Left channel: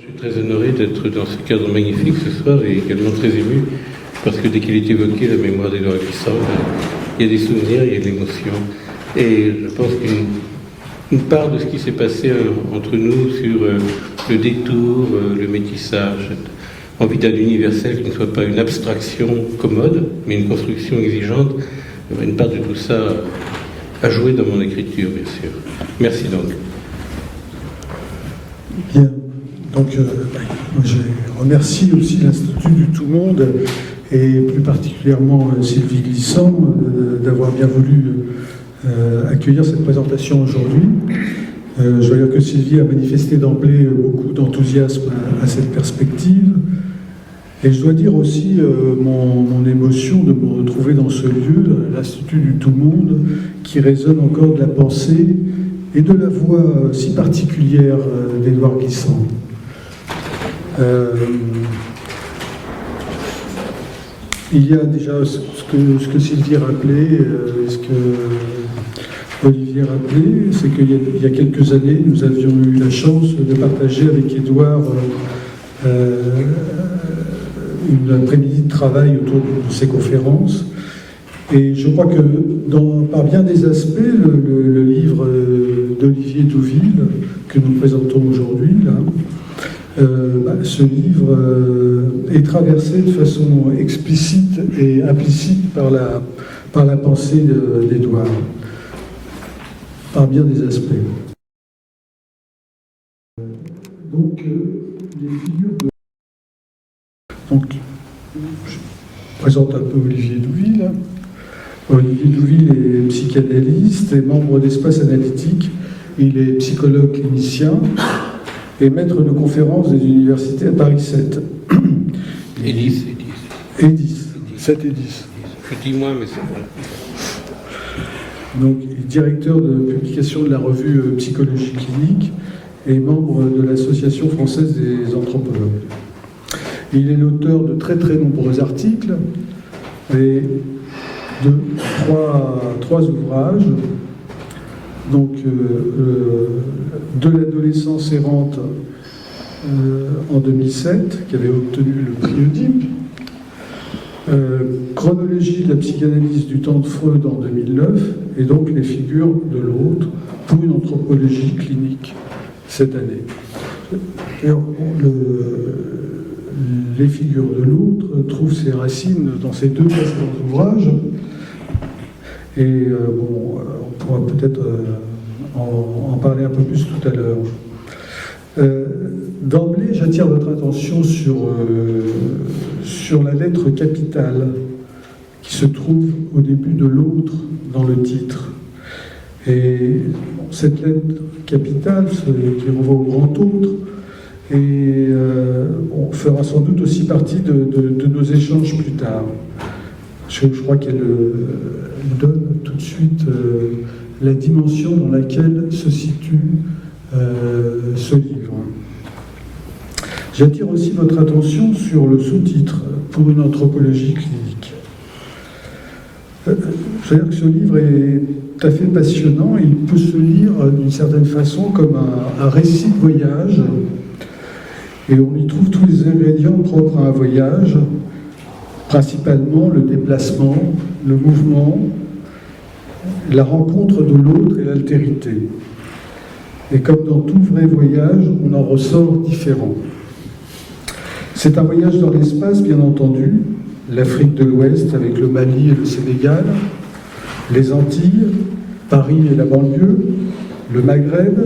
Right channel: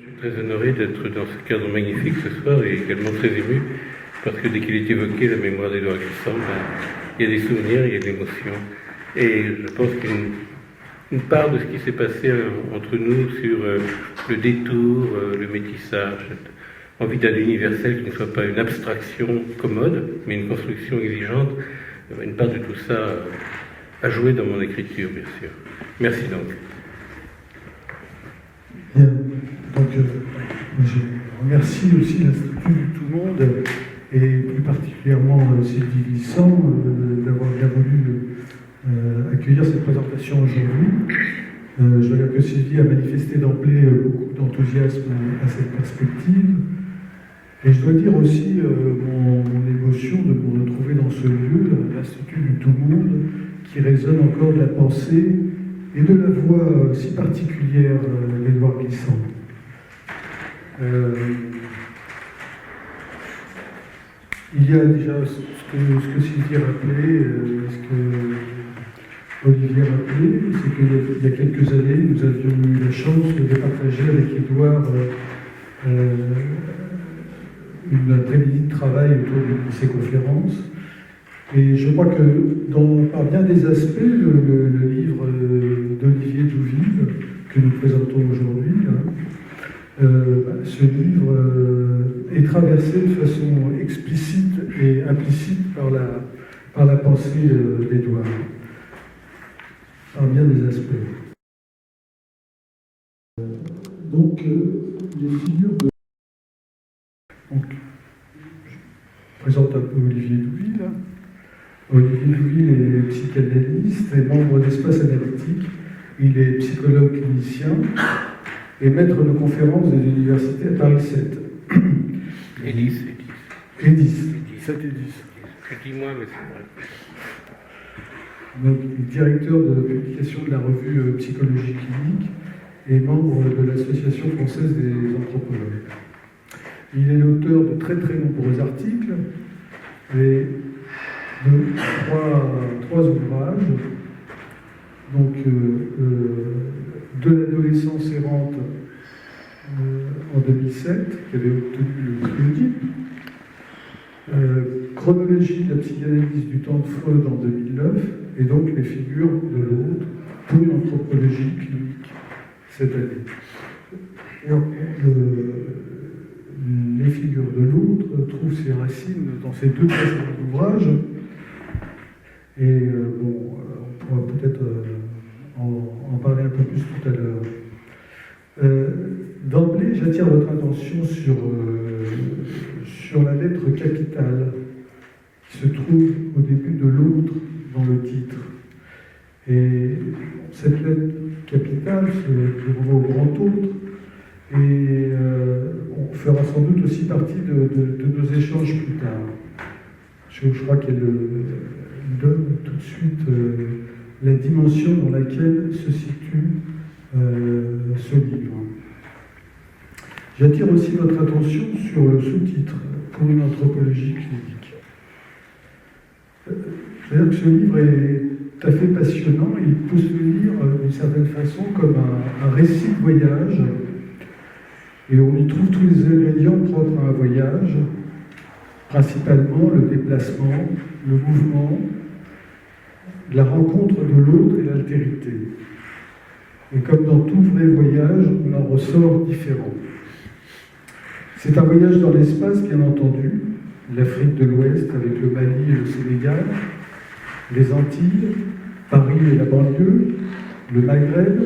Je suis très honoré d'être dans ce cadre magnifique ce soir et également très ému parce que dès qu'il est évoqué la mémoire d'Édouard Glissant, il y a des souvenirs, il y a de l'émotion. Et je pense qu'une part de ce qui s'est passé entre nous sur le détour, le métissage, envie d'un universel qui ne soit pas une abstraction commode, mais une construction exigeante, une part de tout ça a joué dans mon écriture, bien sûr. Merci donc. Bien. Donc, je remercie aussi l'Institut du Tout-Monde et plus particulièrement Sylvie Glissant d'avoir bien voulu accueillir cette présentation aujourd'hui. Je dois dire que Sylvie a manifesté d'emblée beaucoup d'enthousiasme à cette perspective. Et je dois dire aussi mon émotion de me retrouver dans ce lieu, l'Institut du Tout-Monde, qui résonne encore de la pensée et de la voix si particulière d'Édouard Glissant. Il y a déjà ce que Sylvie rappelait, ce que Olivier rappelait, c'est qu'il y a quelques années, nous avions eu la chance de partager avec Édouard une après-midi de travail autour de ces conférences. Et je crois que par bien des aspects, le livre d'Olivier Douville, que nous présentons aujourd'hui, ce livre est traversé de façon explicite et implicite par la pensée d'Édouard, par bien des aspects. Donc, les figures de... Donc, je présente un peu Olivier Douville. Olivier Douville est psychanalyste et membre d'Espace Analytique. Il est psychologue clinicien et maître de conférences des universités à Paris 7. Et 10. 7 et 10. Je dis moins, mais c'est vrai. Donc, il est directeur de publication de la revue Psychologie clinique et membre de l'Association française des anthropologues. Il est l'auteur de très très nombreux articles et de trois ouvrages. Donc, de l'adolescence errante en 2007, qui avait obtenu le prix Oedipe. Chronologie de la psychanalyse du temps de Freud en 2009, et donc les figures de l'autre pour une anthropologie clinique cette année. Alors, les figures de l'autre trouvent ses racines dans ces deux précédents ouvrages. Et on pourra peut-être en parler un peu plus tout à l'heure. D'emblée, j'attire votre attention sur la lettre capitale qui se trouve au début de l'autre dans le titre. Et cette lettre capitale, qui renvoie au grand autre, fera sans doute aussi partie de nos échanges plus tard. Je crois qu'elle donne tout de suite la dimension dans laquelle se situe ce livre. J'attire aussi votre attention sur le sous-titre « Pour une anthropologie clinique ». C'est-à-dire que ce livre est tout à fait passionnant et il peut se lire d'une certaine façon comme un récit de voyage. Et on y trouve tous les ingrédients propres à un voyage, principalement le déplacement, le mouvement, la rencontre de l'autre et l'altérité. Et comme dans tout vrai voyage, on en ressort différent. C'est un voyage dans l'espace, bien entendu, l'Afrique de l'Ouest avec le Mali et le Sénégal, les Antilles, Paris et la banlieue, le Maghreb,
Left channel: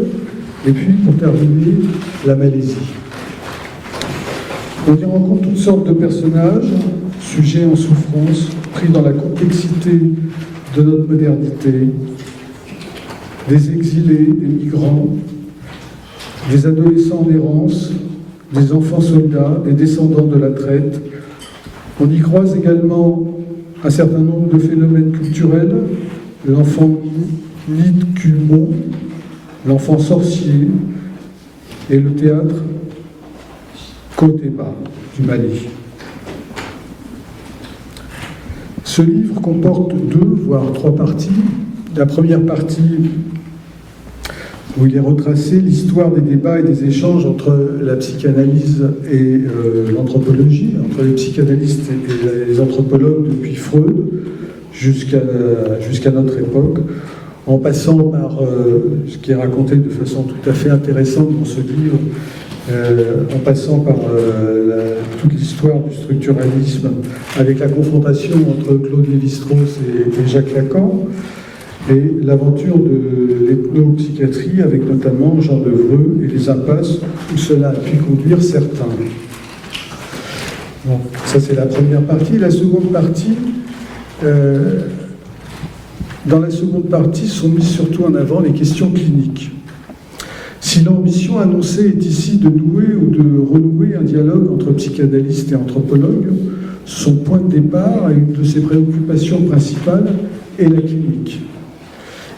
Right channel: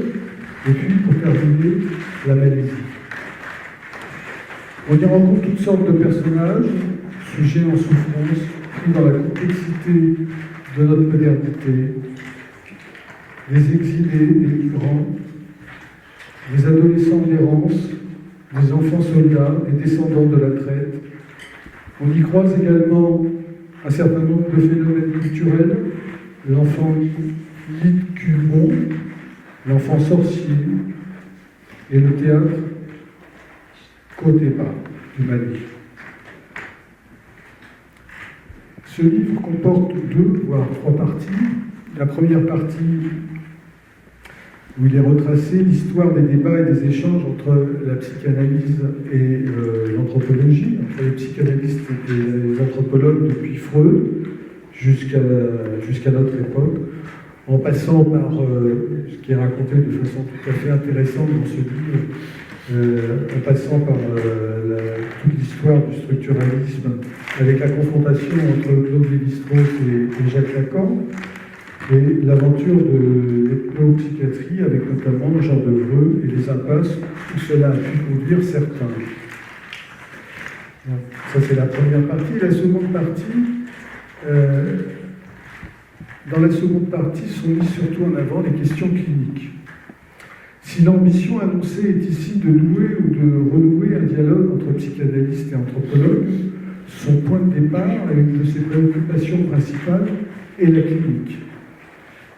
et puis, pour terminer, la Malaisie. On y rencontre toutes sortes de personnages, sujets en souffrance, pris dans la complexité de notre modernité, des exilés, des migrants, des adolescents en errance, des enfants soldats, des descendants de la traite. On y croise également un certain nombre de phénomènes culturels, l'enfant lit Cumon, l'enfant sorcier et le théâtre Koteba du Mali. Ce livre comporte 2, voire 3 parties. La première partie où il est retracé l'histoire des débats et des échanges entre la psychanalyse et l'anthropologie, entre les psychanalystes et les anthropologues depuis Freud jusqu'à notre époque, en passant par ce qui est raconté de façon tout à fait intéressante dans ce livre, en passant par toute l'histoire du structuralisme avec la confrontation entre Claude Lévi-Strauss et Jacques Lacan, et l'aventure de l'ethnopsychiatrie avec notamment Jean Devreux et les impasses où cela a pu conduire certains. Bon, ça c'est la première partie. La seconde partie, dans la seconde partie sont mises surtout en avant les questions cliniques. Si l'ambition annoncée est ici de nouer ou de renouer un dialogue entre psychanalystes et anthropologues, son point de départ et une de ses préoccupations principales est la clinique.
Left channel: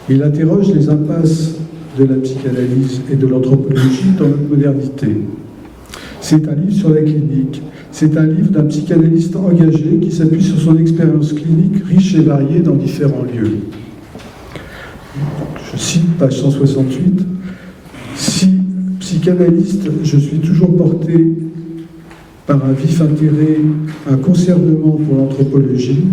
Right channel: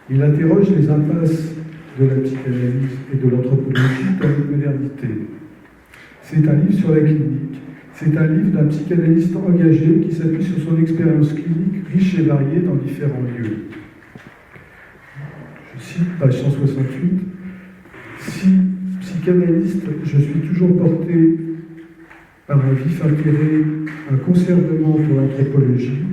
Il interroge les impasses de la psychanalyse et de l'anthropologie dans notre modernité. C'est un livre sur la clinique. C'est un livre d'un psychanalyste engagé qui s'appuie sur son expérience clinique riche et variée dans différents lieux. Je cite page 168. Si psychanalyste, je suis toujours porté par un vif intérêt, un conservement pour l'anthropologie,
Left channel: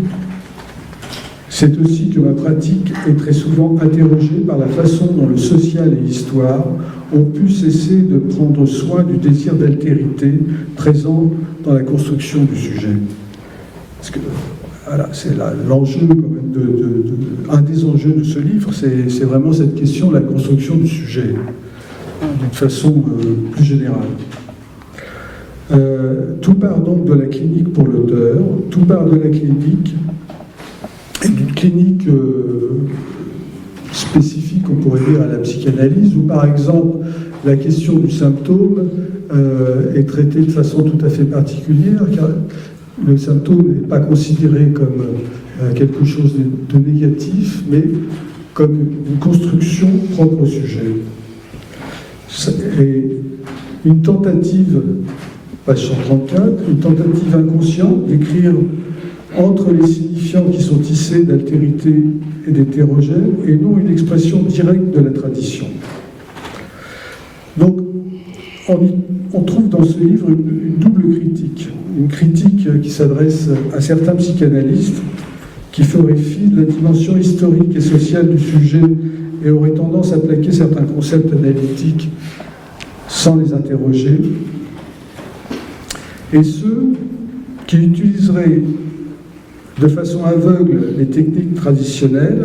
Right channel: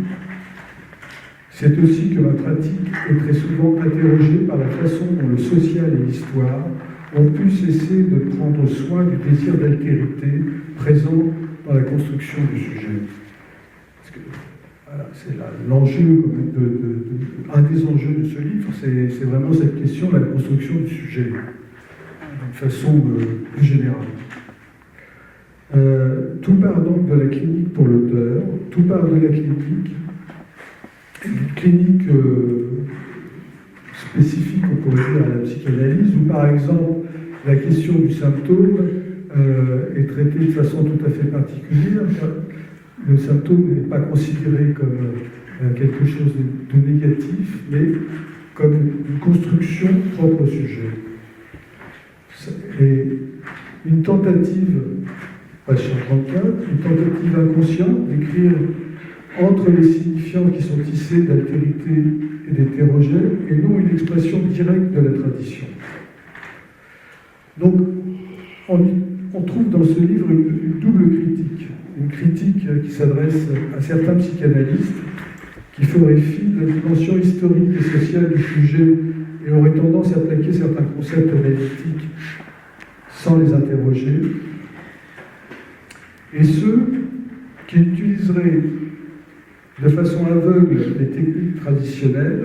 c'est aussi que ma pratique est très souvent interrogée par la façon dont le social et l'histoire ont pu cesser de prendre soin du désir d'altérité présent dans la construction du sujet. Parce que voilà, c'est l'enjeu, un des enjeux de ce livre, c'est vraiment cette question de la construction du sujet, d'une façon plus générale. Tout part donc de la clinique pour l'auteur, tout part de la clinique, et d'une clinique spécifique, on pourrait dire, à la psychanalyse, où par exemple la question du symptôme est traitée de façon tout à fait particulière, car le symptôme n'est pas considéré comme quelque chose de négatif, mais comme une construction propre au sujet. Et une tentative, page 134, une tentative inconsciente d'écrire entre les signifiants qui sont tissés d'altérité et d'hétérogène, et non une expression directe de la tradition. Donc, on trouve dans ce livre une double critique. Une critique qui s'adresse à certains psychanalystes qui feraient fi de la dimension historique et sociale du sujet et auraient tendance à plaquer certains concepts analytiques sans les interroger, et ceux qui utiliseraient de façon aveugle les techniques traditionnelles,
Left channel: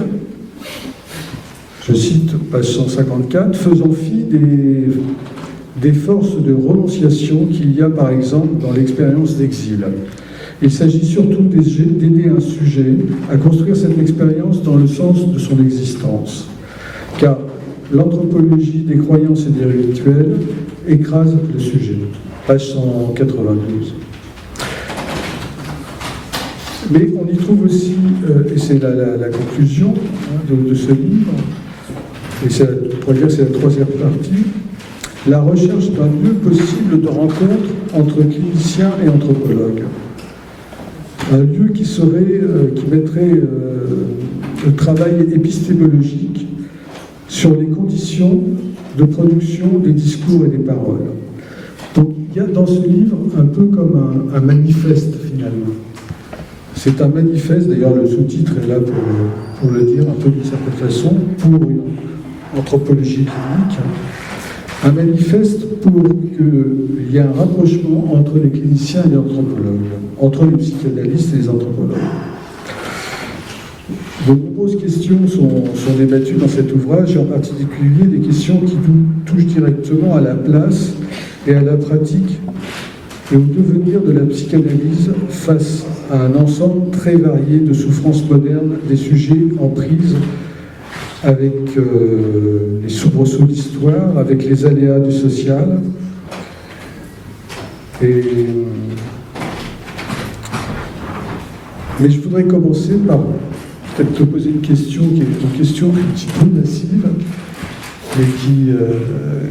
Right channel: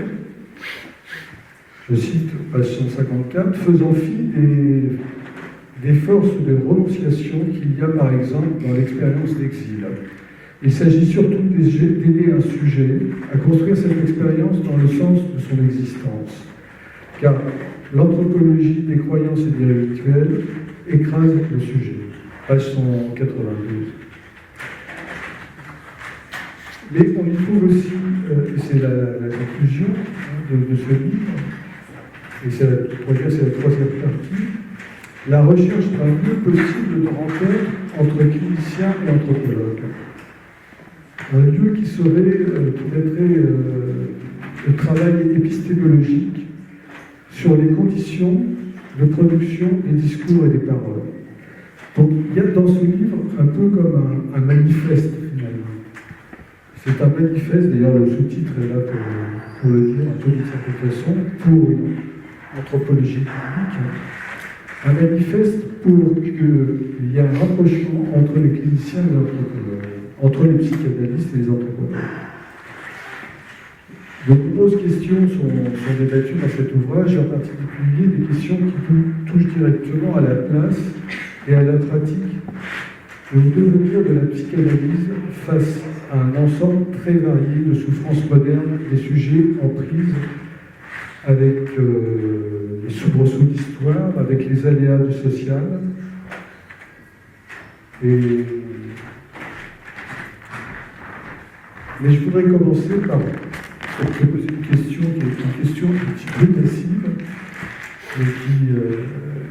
je cite page 154, faisant fi des forces de renonciation qu'il y a par exemple dans l'expérience d'exil. Il s'agit surtout d'aider un sujet à construire cette expérience dans le sens de son existence, car l'anthropologie des croyances et des rituels écrase le sujet. Page 192. Mais on y trouve aussi, et c'est la conclusion de ce livre, et c'est la troisième partie, la recherche d'un lieu possible de rencontre entre cliniciens et anthropologues. Un lieu qui mettrait le travail épistémologique sur les conditions de production des discours et des paroles. Donc il y a dans ce livre un peu comme un manifeste finalement. C'est un manifeste, d'ailleurs le sous-titre est là pour le dire un peu d'une certaine façon, pour une anthropologie clinique. Un manifeste pour qu'il y ait un rapprochement entre les cliniciens et les anthropologues, entre les psychanalystes et les anthropologues. De nombreuses questions sont débattues dans cet ouvrage, et en particulier des questions qui touchent directement à la place et à la pratique et au devenir de la psychanalyse face à un ensemble très varié de souffrances modernes, des sujets en prise avec les soubresauts d'histoire, avec les aléas du social. Mais je voudrais commencer par peut-être te poser une question qui est une question un petit peu massive, mais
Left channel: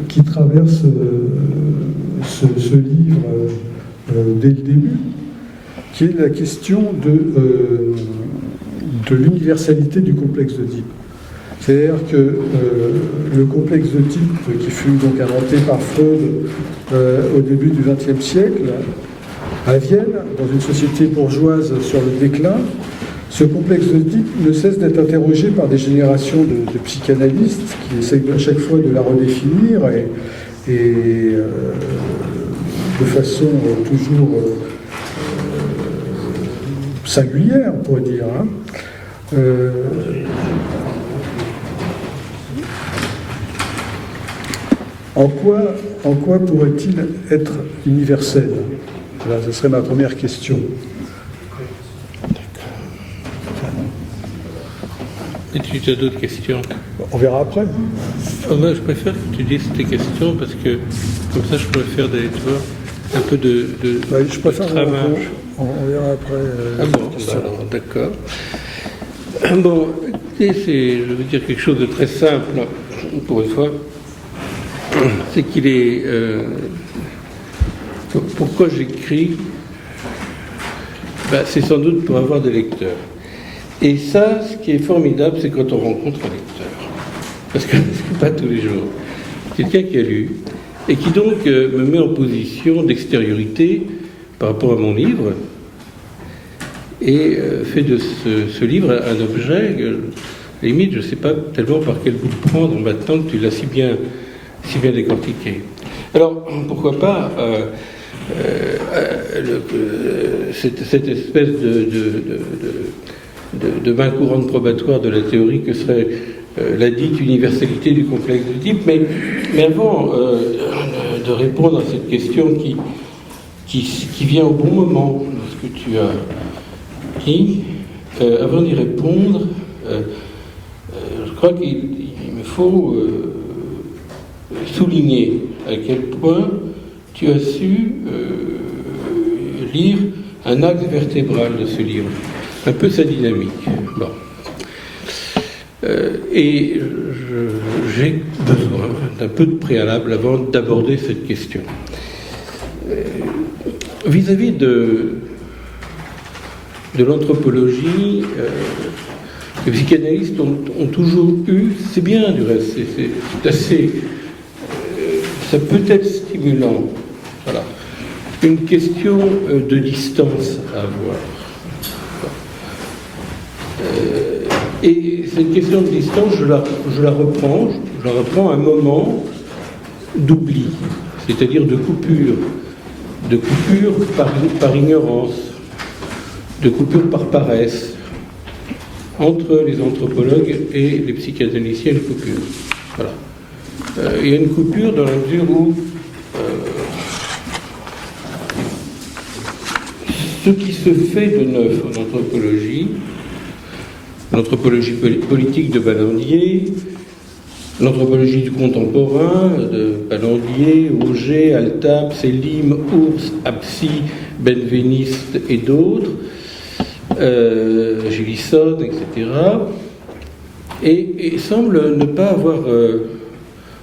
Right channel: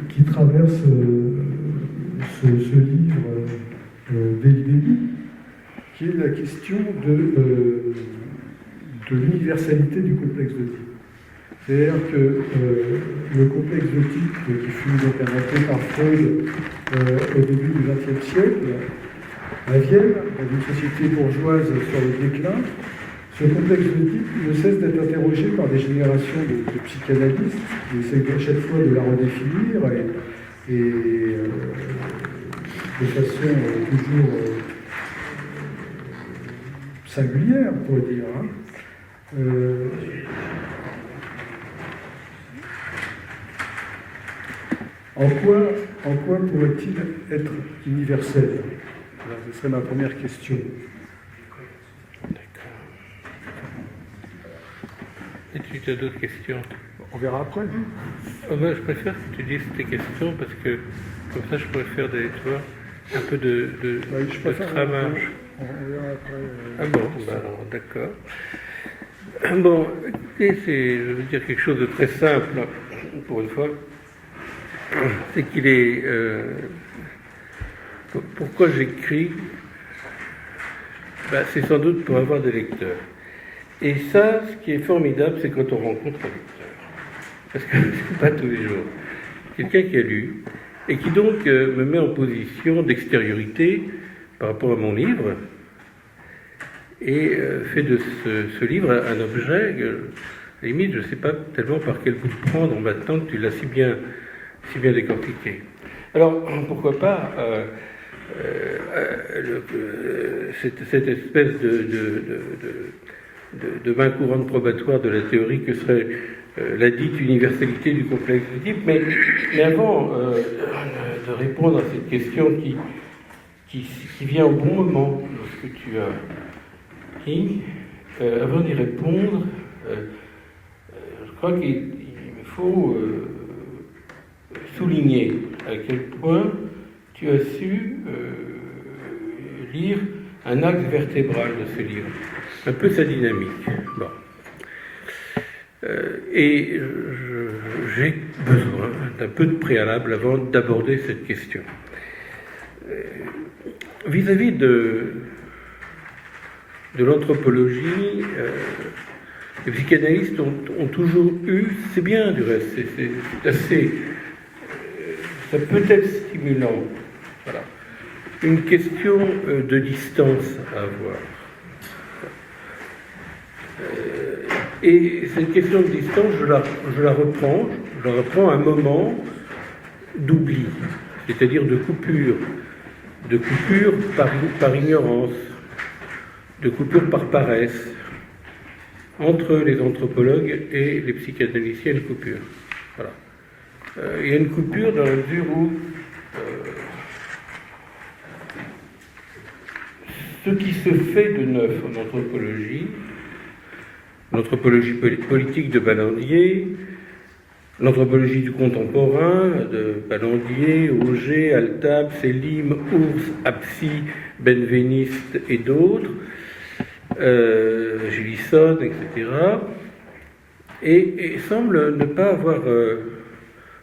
qui traverse ce livre dès le début, qui est la question de l'universalité du complexe d'Oedipe. C'est-à-dire que le complexe d'Oedipe, qui fut donc inventé par Freud au début du XXe siècle, à Vienne, dans une société bourgeoise sur le déclin, ce complexe d'Oedipe ne cesse d'être interrogé par des générations de psychanalystes qui essayent à chaque fois de la redéfinir et de façon toujours singulière, on pourrait dire. En quoi pourrait-il être universel? Voilà, ce serait ma première question. Et tu as d'autres questions? On verra après. Moi, je préfère que tu dises tes questions parce que comme ça, je préfère un peu de Je préfère travail. On verra après. Alors, d'accord. Bon, écoutez, je veux dire quelque chose de très simple, pour une fois. C'est qu'il est... pourquoi j'écris? C'est sans doute pour avoir des lecteurs. Et ça, ce qui est formidable, c'est quand on rencontre un lecteur. Parce que c'est pas tous les jours. Quelqu'un qui a lu, et qui donc me met en position d'extériorité par rapport à mon livre, et fait de ce livre un objet, limite, je ne sais pas tellement par quel bout de prendre maintenant que tu l'as si bien décortiqué. Alors, pourquoi pas cette espèce de main courante probatoire de la théorie que serait la dite universalité du complexe d'Oedipe, mais avant de répondre à cette question qui vient au bon moment, lorsque tu as dit, avant d'y répondre, je crois qu'il me faut souligner à quel point tu as su lire un axe vertébral de ce livre, un peu sa dynamique. Bon. Et j'ai besoin d'un peu de préalable avant d'aborder cette question. Vis-à-vis de l'anthropologie, les psychanalystes ont toujours eu, c'est bien du reste, c'est assez, ça peut être stimulant, voilà, une question de distance à avoir. Et cette question de distance, je la reprends à un moment d'oubli, c'est-à-dire de coupure par ignorance, de coupure par paresse, entre les anthropologues et les psychanalystes. Il y a une coupure. Voilà. Il y a une coupure dans la mesure où ce qui se fait de neuf en anthropologie, l'anthropologie politique de Ballandier, l'anthropologie du contemporain de Ballandier, Auger, Altap, Selim, Ours, Apsi, Benveniste et d'autres, Gilison, etc., et semble ne pas avoir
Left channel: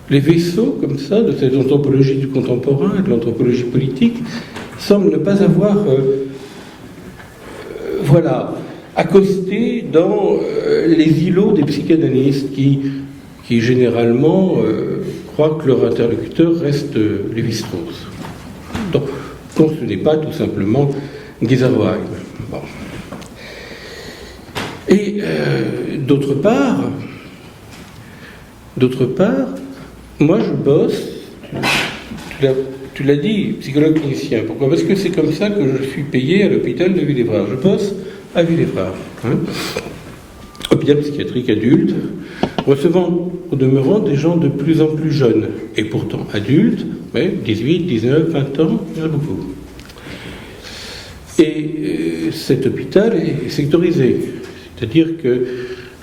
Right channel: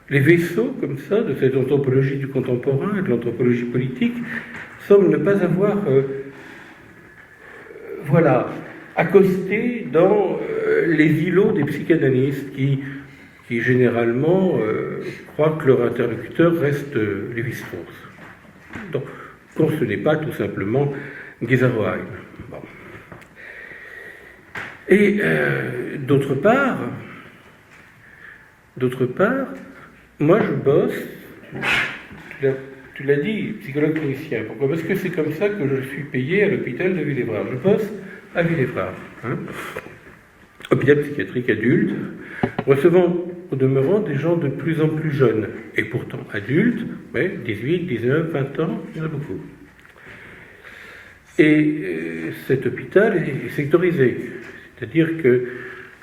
les vaisseaux comme ça de cette anthropologie du contemporain et de l'anthropologie politique, semble ne pas avoir accosté dans les îlots des psychanalystes qui généralement croient que leur interlocuteur reste Lévi-Strauss. Donc ce n'est pas tout simplement Giesecke. Bon. Et d'autre part, moi je bosse, tu l'as dit, psychologue clinicien. Pourquoi? Parce que c'est comme ça que je suis payé à l'hôpital de Villévrard. Je bosse à Villévrard. Hôpital psychiatrique adulte, recevant au demeurant des gens de plus en plus jeunes, et pourtant adultes, mais 18, 19, 20 ans, il y en a beaucoup. Et cet hôpital est sectorisé, c'est-à-dire que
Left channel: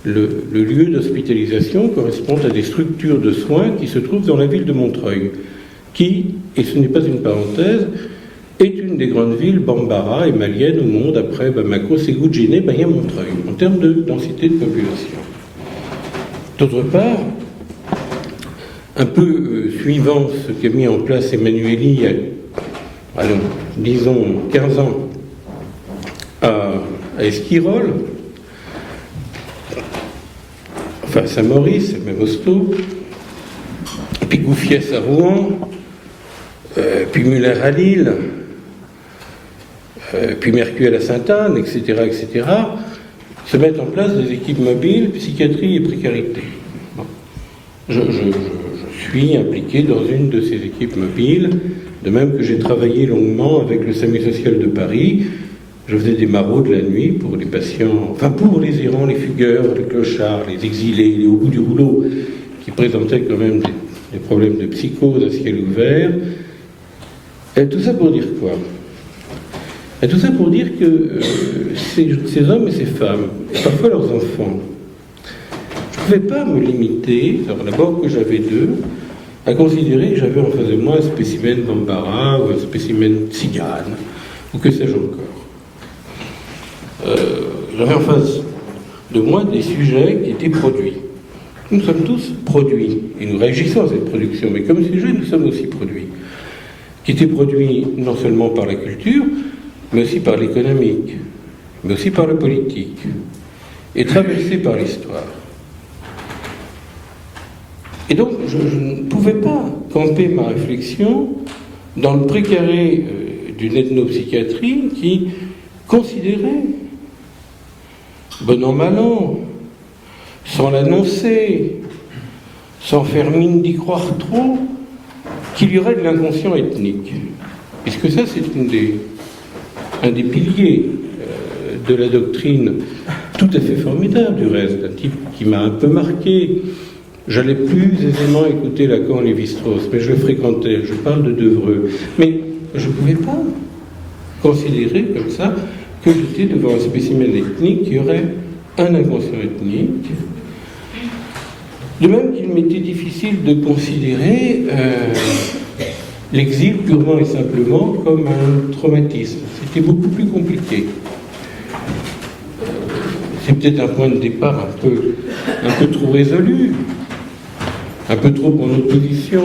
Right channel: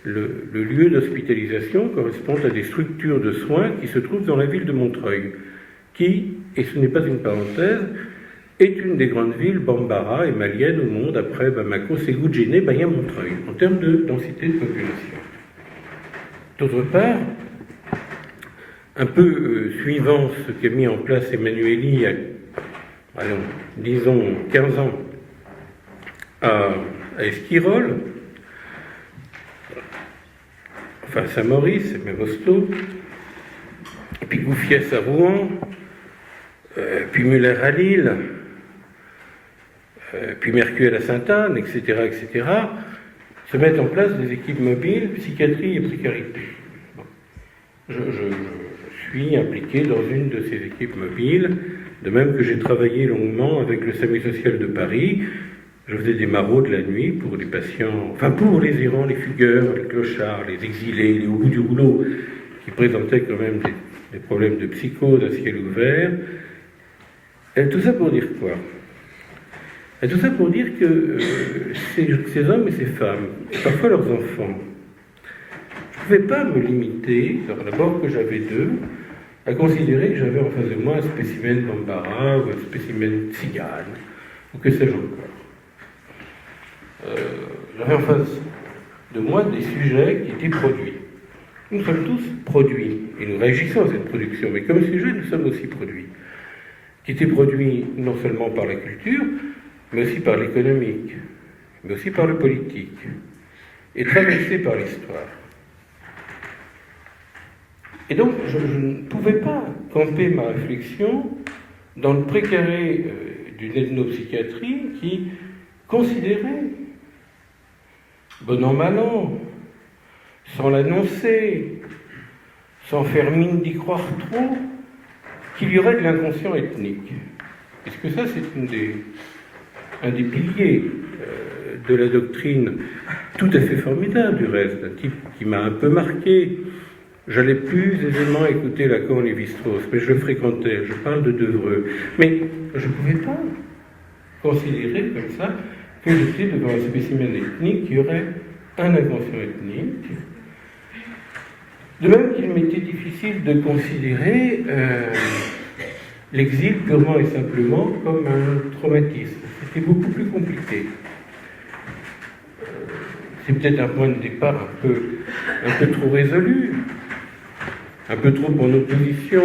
le lieu d'hospitalisation correspond à des structures de soins qui se trouvent dans la ville de Montreuil, qui, et ce n'est pas une parenthèse, est une des grandes villes bambara et maliennes au monde après Bamako, Ségou, Djenné, Bahia, Montreuil, en termes de densité de population. D'autre part, un peu suivant ce qu'a mis en place Emmanueli, disons 15 ans, à Esquirol, enfin Saint-Maurice, c'est le même hosto, et puis Gouffiès à Rouen, puis Muller à Lille, puis Mercure à Sainte-Anne, etc., etc., se mettent en place des équipes mobiles, psychiatrie et précarité. Bon. Je suis impliqué dans une de ces équipes mobiles, de même que j'ai travaillé longuement avec le SAMU social de Paris. Je faisais des maraudes la nuit pour les patients, enfin pour les errants, les fugueurs, les clochards, les exilés, les au bout du rouleau, qui présentaient quand même des problèmes de psychose à ciel ouvert. Et tout ça pour dire quoi? Et tout ça pour dire que ces hommes et ces femmes, et parfois leurs enfants, je ne pouvais pas me limiter, d'abord que j'avais d'eux, à considérer que j'avais en face de moi un spécimen Bambara ou un spécimen Tzigane, ou que sais-je encore. J'avais en face de moi des sujets qui étaient produits. Nous sommes tous produits, et nous réagissons à cette production, mais comme sujet, nous sommes aussi produits. Qui étaient produits non seulement par la culture, mais aussi par l'économique, mais aussi par le politique, et traversés par l'histoire. Et donc, je ne pouvais pas camper ma réflexion dans le précaré d'une ethnopsychiatrie qui considérait, bon an mal an, sans l'annoncer, sans faire mine d'y croire trop, qu'il y aurait de l'inconscient ethnique. Puisque ça, c'est un des piliers de la doctrine, tout à fait formidable du reste, un type qui m'a un peu marqué. J'allais plus aisément écouter Lacan et Lévi-Strauss, mais je le fréquentais, je parle de Devreux. Mais je ne pouvais pas considérer comme ça que j'étais devant un spécimen ethnique qui aurait un inconscient ethnique. De même qu'il m'était difficile de considérer l'exil purement et simplement comme un traumatisme. C'était beaucoup plus compliqué. C'est peut-être un point de départ un peu trop résolu, un peu trop en opposition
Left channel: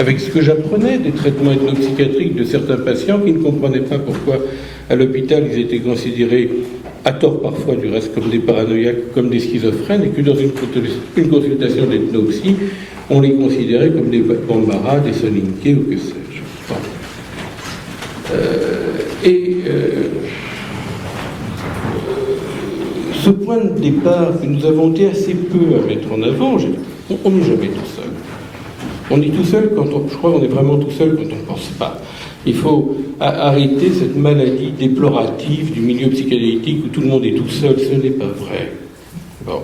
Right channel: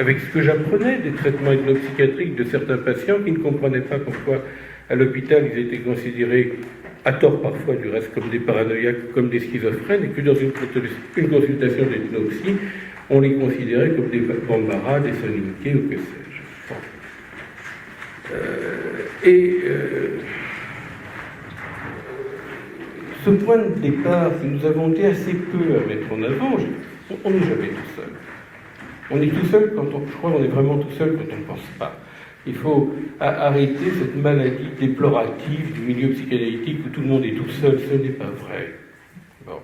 avec ce que j'apprenais des traitements ethnopsychiatriques de certains patients qui ne comprenaient pas pourquoi à l'hôpital ils étaient considérés, à tort parfois du reste, comme des paranoïaques, comme des schizophrènes, et que dans une consultation d'ethnopsie, on les considérait comme des Bambara, des Soninké ou que sais-je. Bon. Ce point de départ que nous avons été assez peu à mettre en avant, on n'est jamais tout seul. On est tout seul quand je crois qu'on est vraiment tout seul quand on ne pense pas. Il faut arrêter cette maladie déplorative du milieu psychanalytique où tout le monde est tout seul. Ce n'est pas vrai. Bon.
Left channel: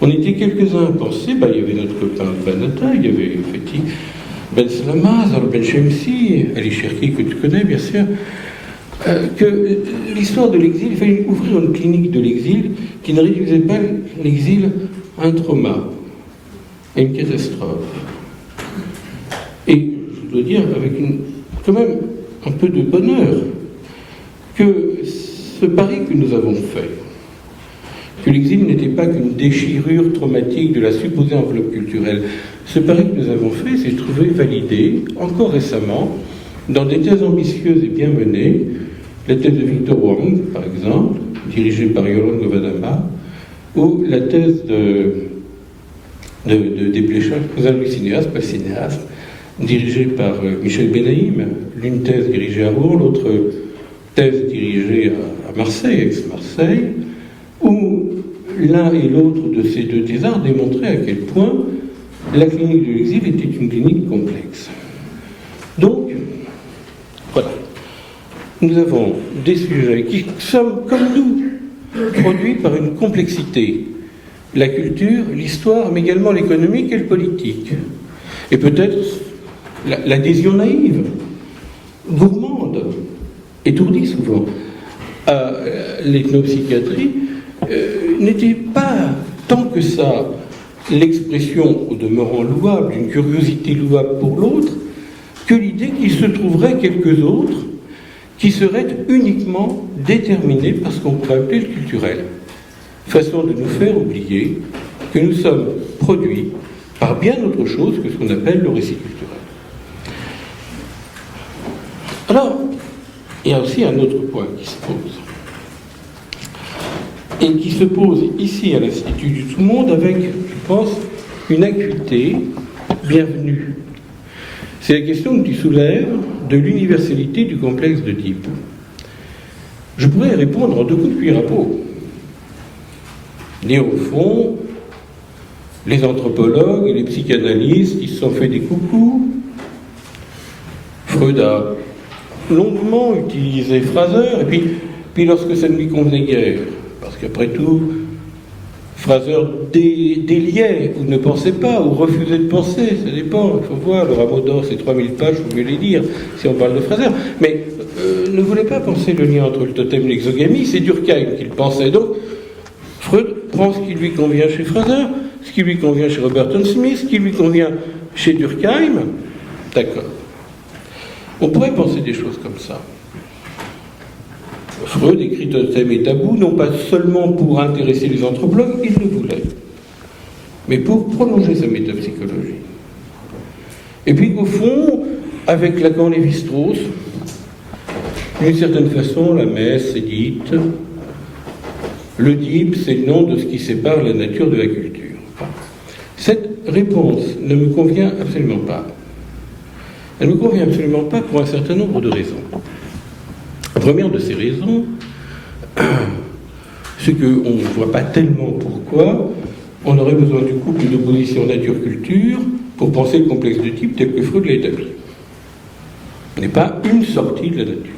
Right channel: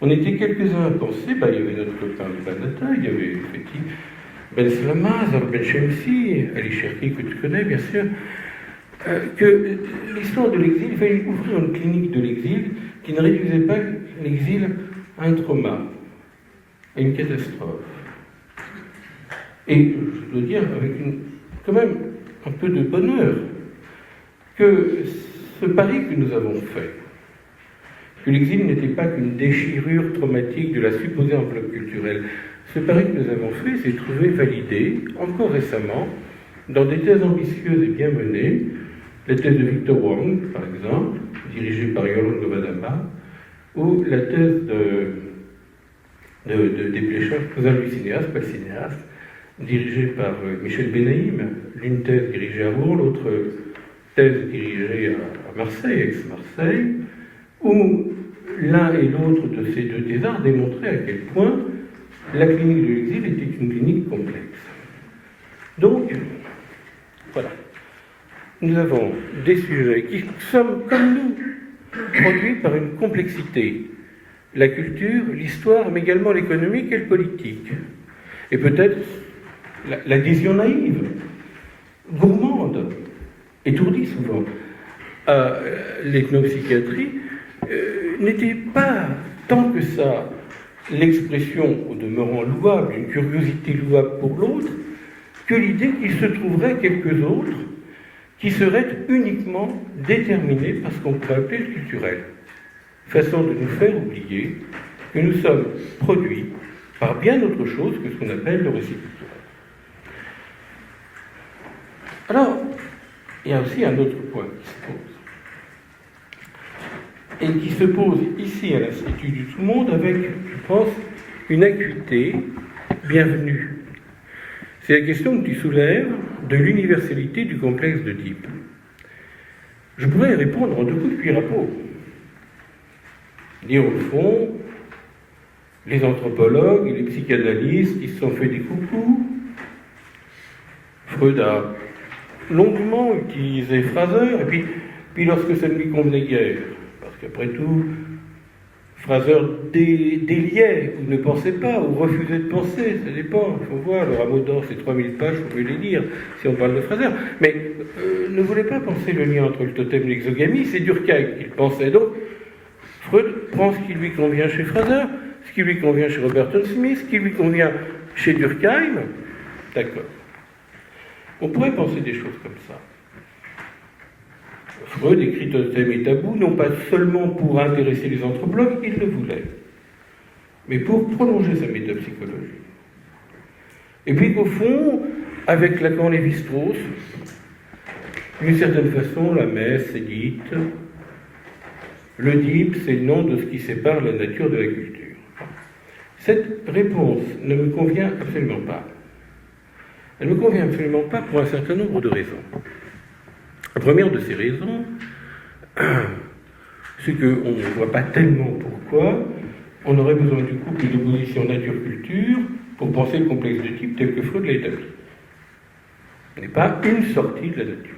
On était quelques-uns à penser, il y avait notre copain Banata, il y avait Fethi Ben Slama, Zor Ben Shemsi, Ali Cherki que tu connais bien sûr, que l'histoire de l'exil, il fallait ouvrir une clinique de l'exil qui ne réduisait pas l'exil à un trauma, à une catastrophe. Et je dois dire avec quand même un peu de bonheur que ce pari que nous avons fait, que l'exil n'était pas qu'une déchirure traumatique de la supposée enveloppe culturelle, ce pari que nous avons fait s'est trouvé validé encore récemment dans des thèses ambitieuses et bien menées, la thèse de Victor Wang, par exemple, dirigée par Yolande Novadama, ou la thèse de Desplechin, lui cinéaste, pas cinéaste, dirigée par Michel Benaïm, l'une thèse dirigée à Rouen, l'autre thèse dirigée à Marseille, ex-Marseille, où l'un et l'autre de ces deux thésards démontraient à quel point la clinique de l'exil était une clinique complexe. Donc, voilà. Nous avons des sujets qui sont, comme nous, produits par une complexité. La culture, l'histoire, mais également l'économique et le politique. Et peut-être l'adhésion naïve, gourmande, étourdie souvent, à l'ethnopsychiatrie, n'était pas tant que ça l'expression, au demeurant louable, d'une curiosité louable pour l'autre, que l'idée qu'il se trouverait quelques autres qui seraient uniquement déterminés par ce qu'on pourrait appeler le culturel. Façon de nous faire oublier que nous sommes produits par bien autre chose que ce qu'on appelle le récit culturel. Alors, il y a aussi un autre point qui se pose. et qui se pose ici à l'Institut du Tout-Monde avec, je pense, une acuité bienvenue. C'est la question que tu soulèves de l'universalité du complexe d'Oedipe. Je pourrais y répondre en 2 coups de cuir à peau. Dire au fond, les anthropologues et les psychanalystes, ils se sont fait des coucous. Freud a longuement utilisé Fraser, et puis lorsque ça ne lui convenait guère, parce qu'après tout, Fraser déliait, ou ne pensait pas, ou refusait de penser, ça dépend, il faut voir, le Rameau d'or, c'est 3000 pages, il faut mieux les lire, si on parle de Fraser. Mais ne voulait pas penser le lien entre le totem et l'exogamie, c'est Durkheim qu'il pensait. Donc, Freud prend ce qui lui convient chez Fraser, ce qui lui convient chez Robertson Smith, ce qui lui convient chez Durkheim. D'accord. On pourrait penser des choses comme ça. Freud écrit Totem et Tabou, non pas seulement pour intéresser les anthropologues, il le voulait, mais pour prolonger sa métapsychologie. Et puis, au fond, avec Lacan et Lévi-Strauss, d'une certaine façon, la messe est dite. L'Oedipe, c'est le nom de ce qui sépare la nature de la culture. Cette réponse ne me convient absolument pas. Elle ne me convient absolument pas pour un certain nombre de raisons. La première de ces raisons, c'est qu'on ne voit pas tellement pourquoi on aurait besoin du couple d'opposition nature-culture pour penser le complexe d'Oedipe tel que Freud l'a établi. Ce n'est pas une sortie de la nature.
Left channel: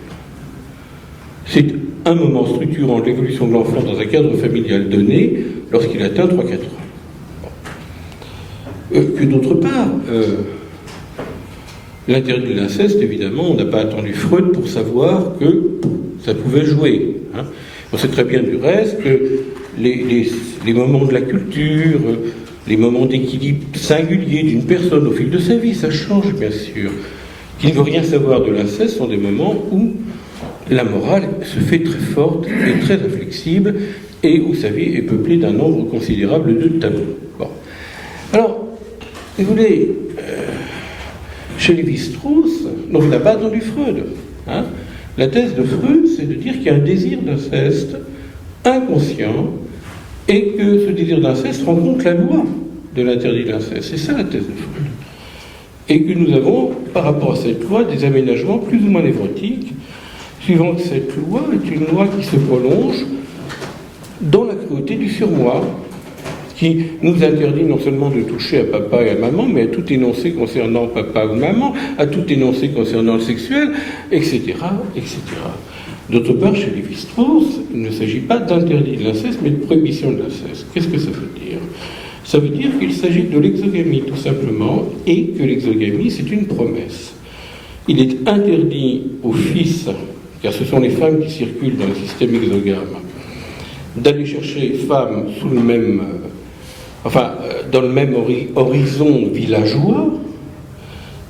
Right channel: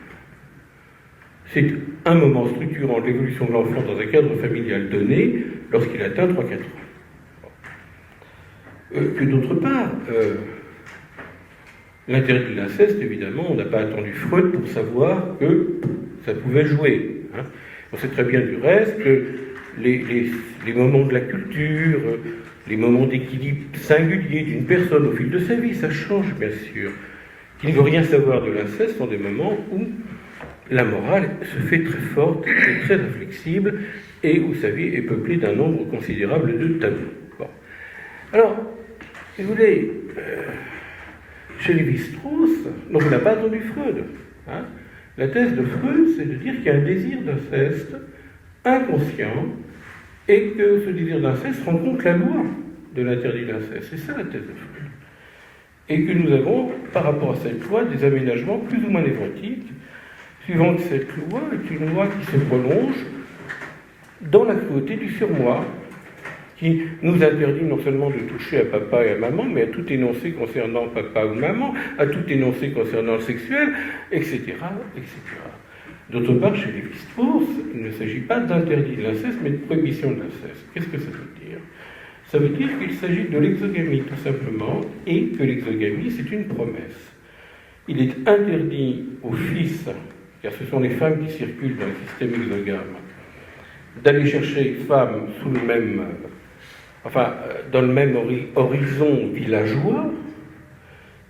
C'est un moment structurant de l'évolution de l'enfant dans un cadre familial donné lorsqu'il atteint 3-4 ans. Que d'autre part, l'interdit de l'inceste, évidemment, on n'a pas attendu Freud pour savoir que ça pouvait jouer. Hein. On sait très bien du reste que les moments de la culture, les moments d'équilibre singulier d'une personne au fil de sa vie, ça change bien sûr. Qui ne veut rien savoir de l'inceste sont des moments où la morale se fait très forte et très inflexible et où sa vie est peuplée d'un nombre considérable de tabous. Bon. Alors, vous voulez, chez Lévi-Strauss, donc on n'a pas attendu Freud. Hein. La thèse de Freud, c'est de dire qu'il y a un désir d'inceste inconscient et que ce désir d'inceste rencontre la loi de l'interdit de l'inceste. C'est ça la thèse de Freud. Et que nous avons, par rapport à cette loi, des aménagements plus ou moins névrotiques, suivant que cette loi est une loi qui se prolonge dans la cruauté du surmoi, qui nous interdit non seulement de toucher à papa et à maman, mais à tout énoncé concernant papa ou maman, à tout énoncé concernant le sexuel, etc., etc. D'autre part, chez Lévi-Strauss, il ne s'agit pas d'interdit de l'inceste, mais de prohibition de l'inceste. Qu'est-ce que ça veut dire ? Ça veut dire qu'il s'agit de l'exogamie, tout simplement, et que l'exogamie, c'est une promesse. Il est interdit aux fils, car ce sont les femmes qui circulent dans le système exogame, d'aller chercher femmes sous le même... dans le même horizon villageois.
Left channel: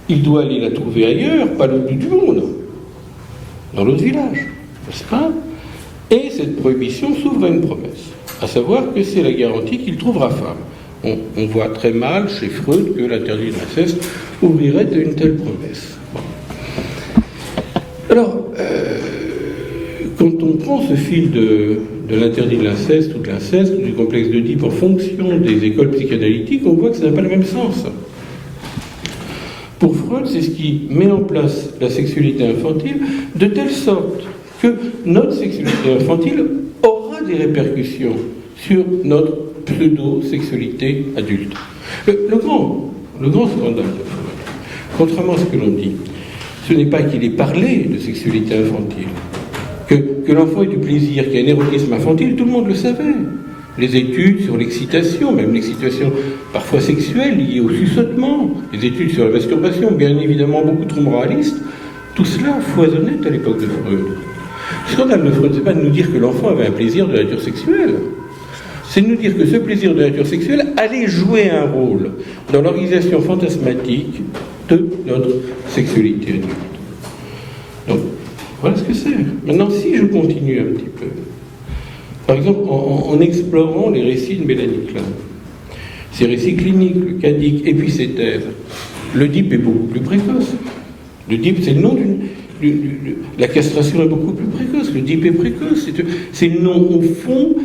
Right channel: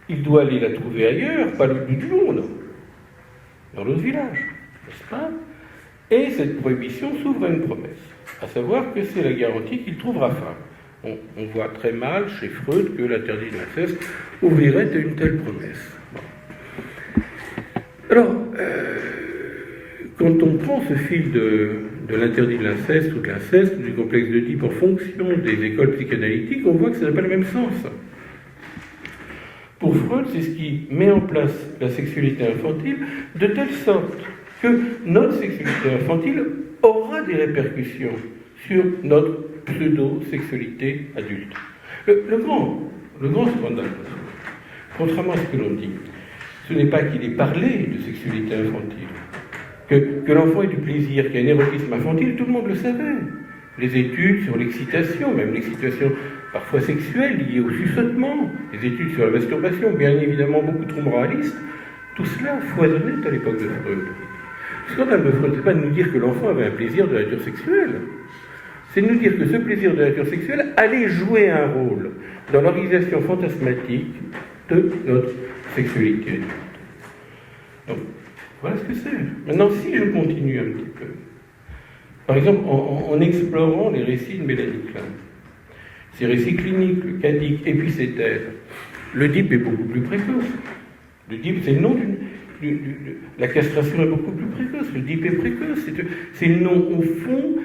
Il doit aller la trouver ailleurs, pas l'autre bout du monde, dans l'autre village, n'est-ce pas ? Et cette prohibition s'ouvre à une promesse, à savoir que c'est la garantie qu'il trouvera femme. On voit très mal chez Freud que l'interdit de l'inceste ouvrirait à une telle promesse. Bon. Alors, quand on prend ce fil de l'interdit de l'inceste ou de l'inceste ou du complexe d'Oedipe en fonction des écoles psychanalytiques, on voit que ça n'a pas le même sens. Pour Freud, c'est ce qui met en place la sexualité infantile de telle sorte que notre sexualité infantile aura des répercussions sur notre pseudo-sexualité adulte. Le grand scandale de Freud, contrairement à ce que l'on dit, ce n'est pas qu'il ait parlé de sexualité infantile. Que l'enfant ait du plaisir, qu'il y a un érotisme infantile, tout le monde le savait. Les études sur l'excitation, même l'excitation parfois sexuelle liée au chuchotement, les études sur la masturbation, bien évidemment beaucoup trop moralistes, tout cela foisonnait à l'époque de Freud. Le scandale de Freud, ce n'est pas de nous dire que l'enfant avait un plaisir de nature sexuelle, c'est de nous dire que ce plaisir de nature sexuelle allait jouer un rôle dans l'organisation fantasmatique de notre sexualité adulte. Donc, voilà ce que c'est. Maintenant, si je continue un petit peu, par exemple, en explorant les récits de Mélanie Klein, ces récits cliniques, le cadique, et puis ses thèses, l'Oedipe est beaucoup plus précoce. L'Oedipe, c'est le nom la castration est beaucoup plus précoce. L'Oedipe est précoce. C'est le nom, au fond,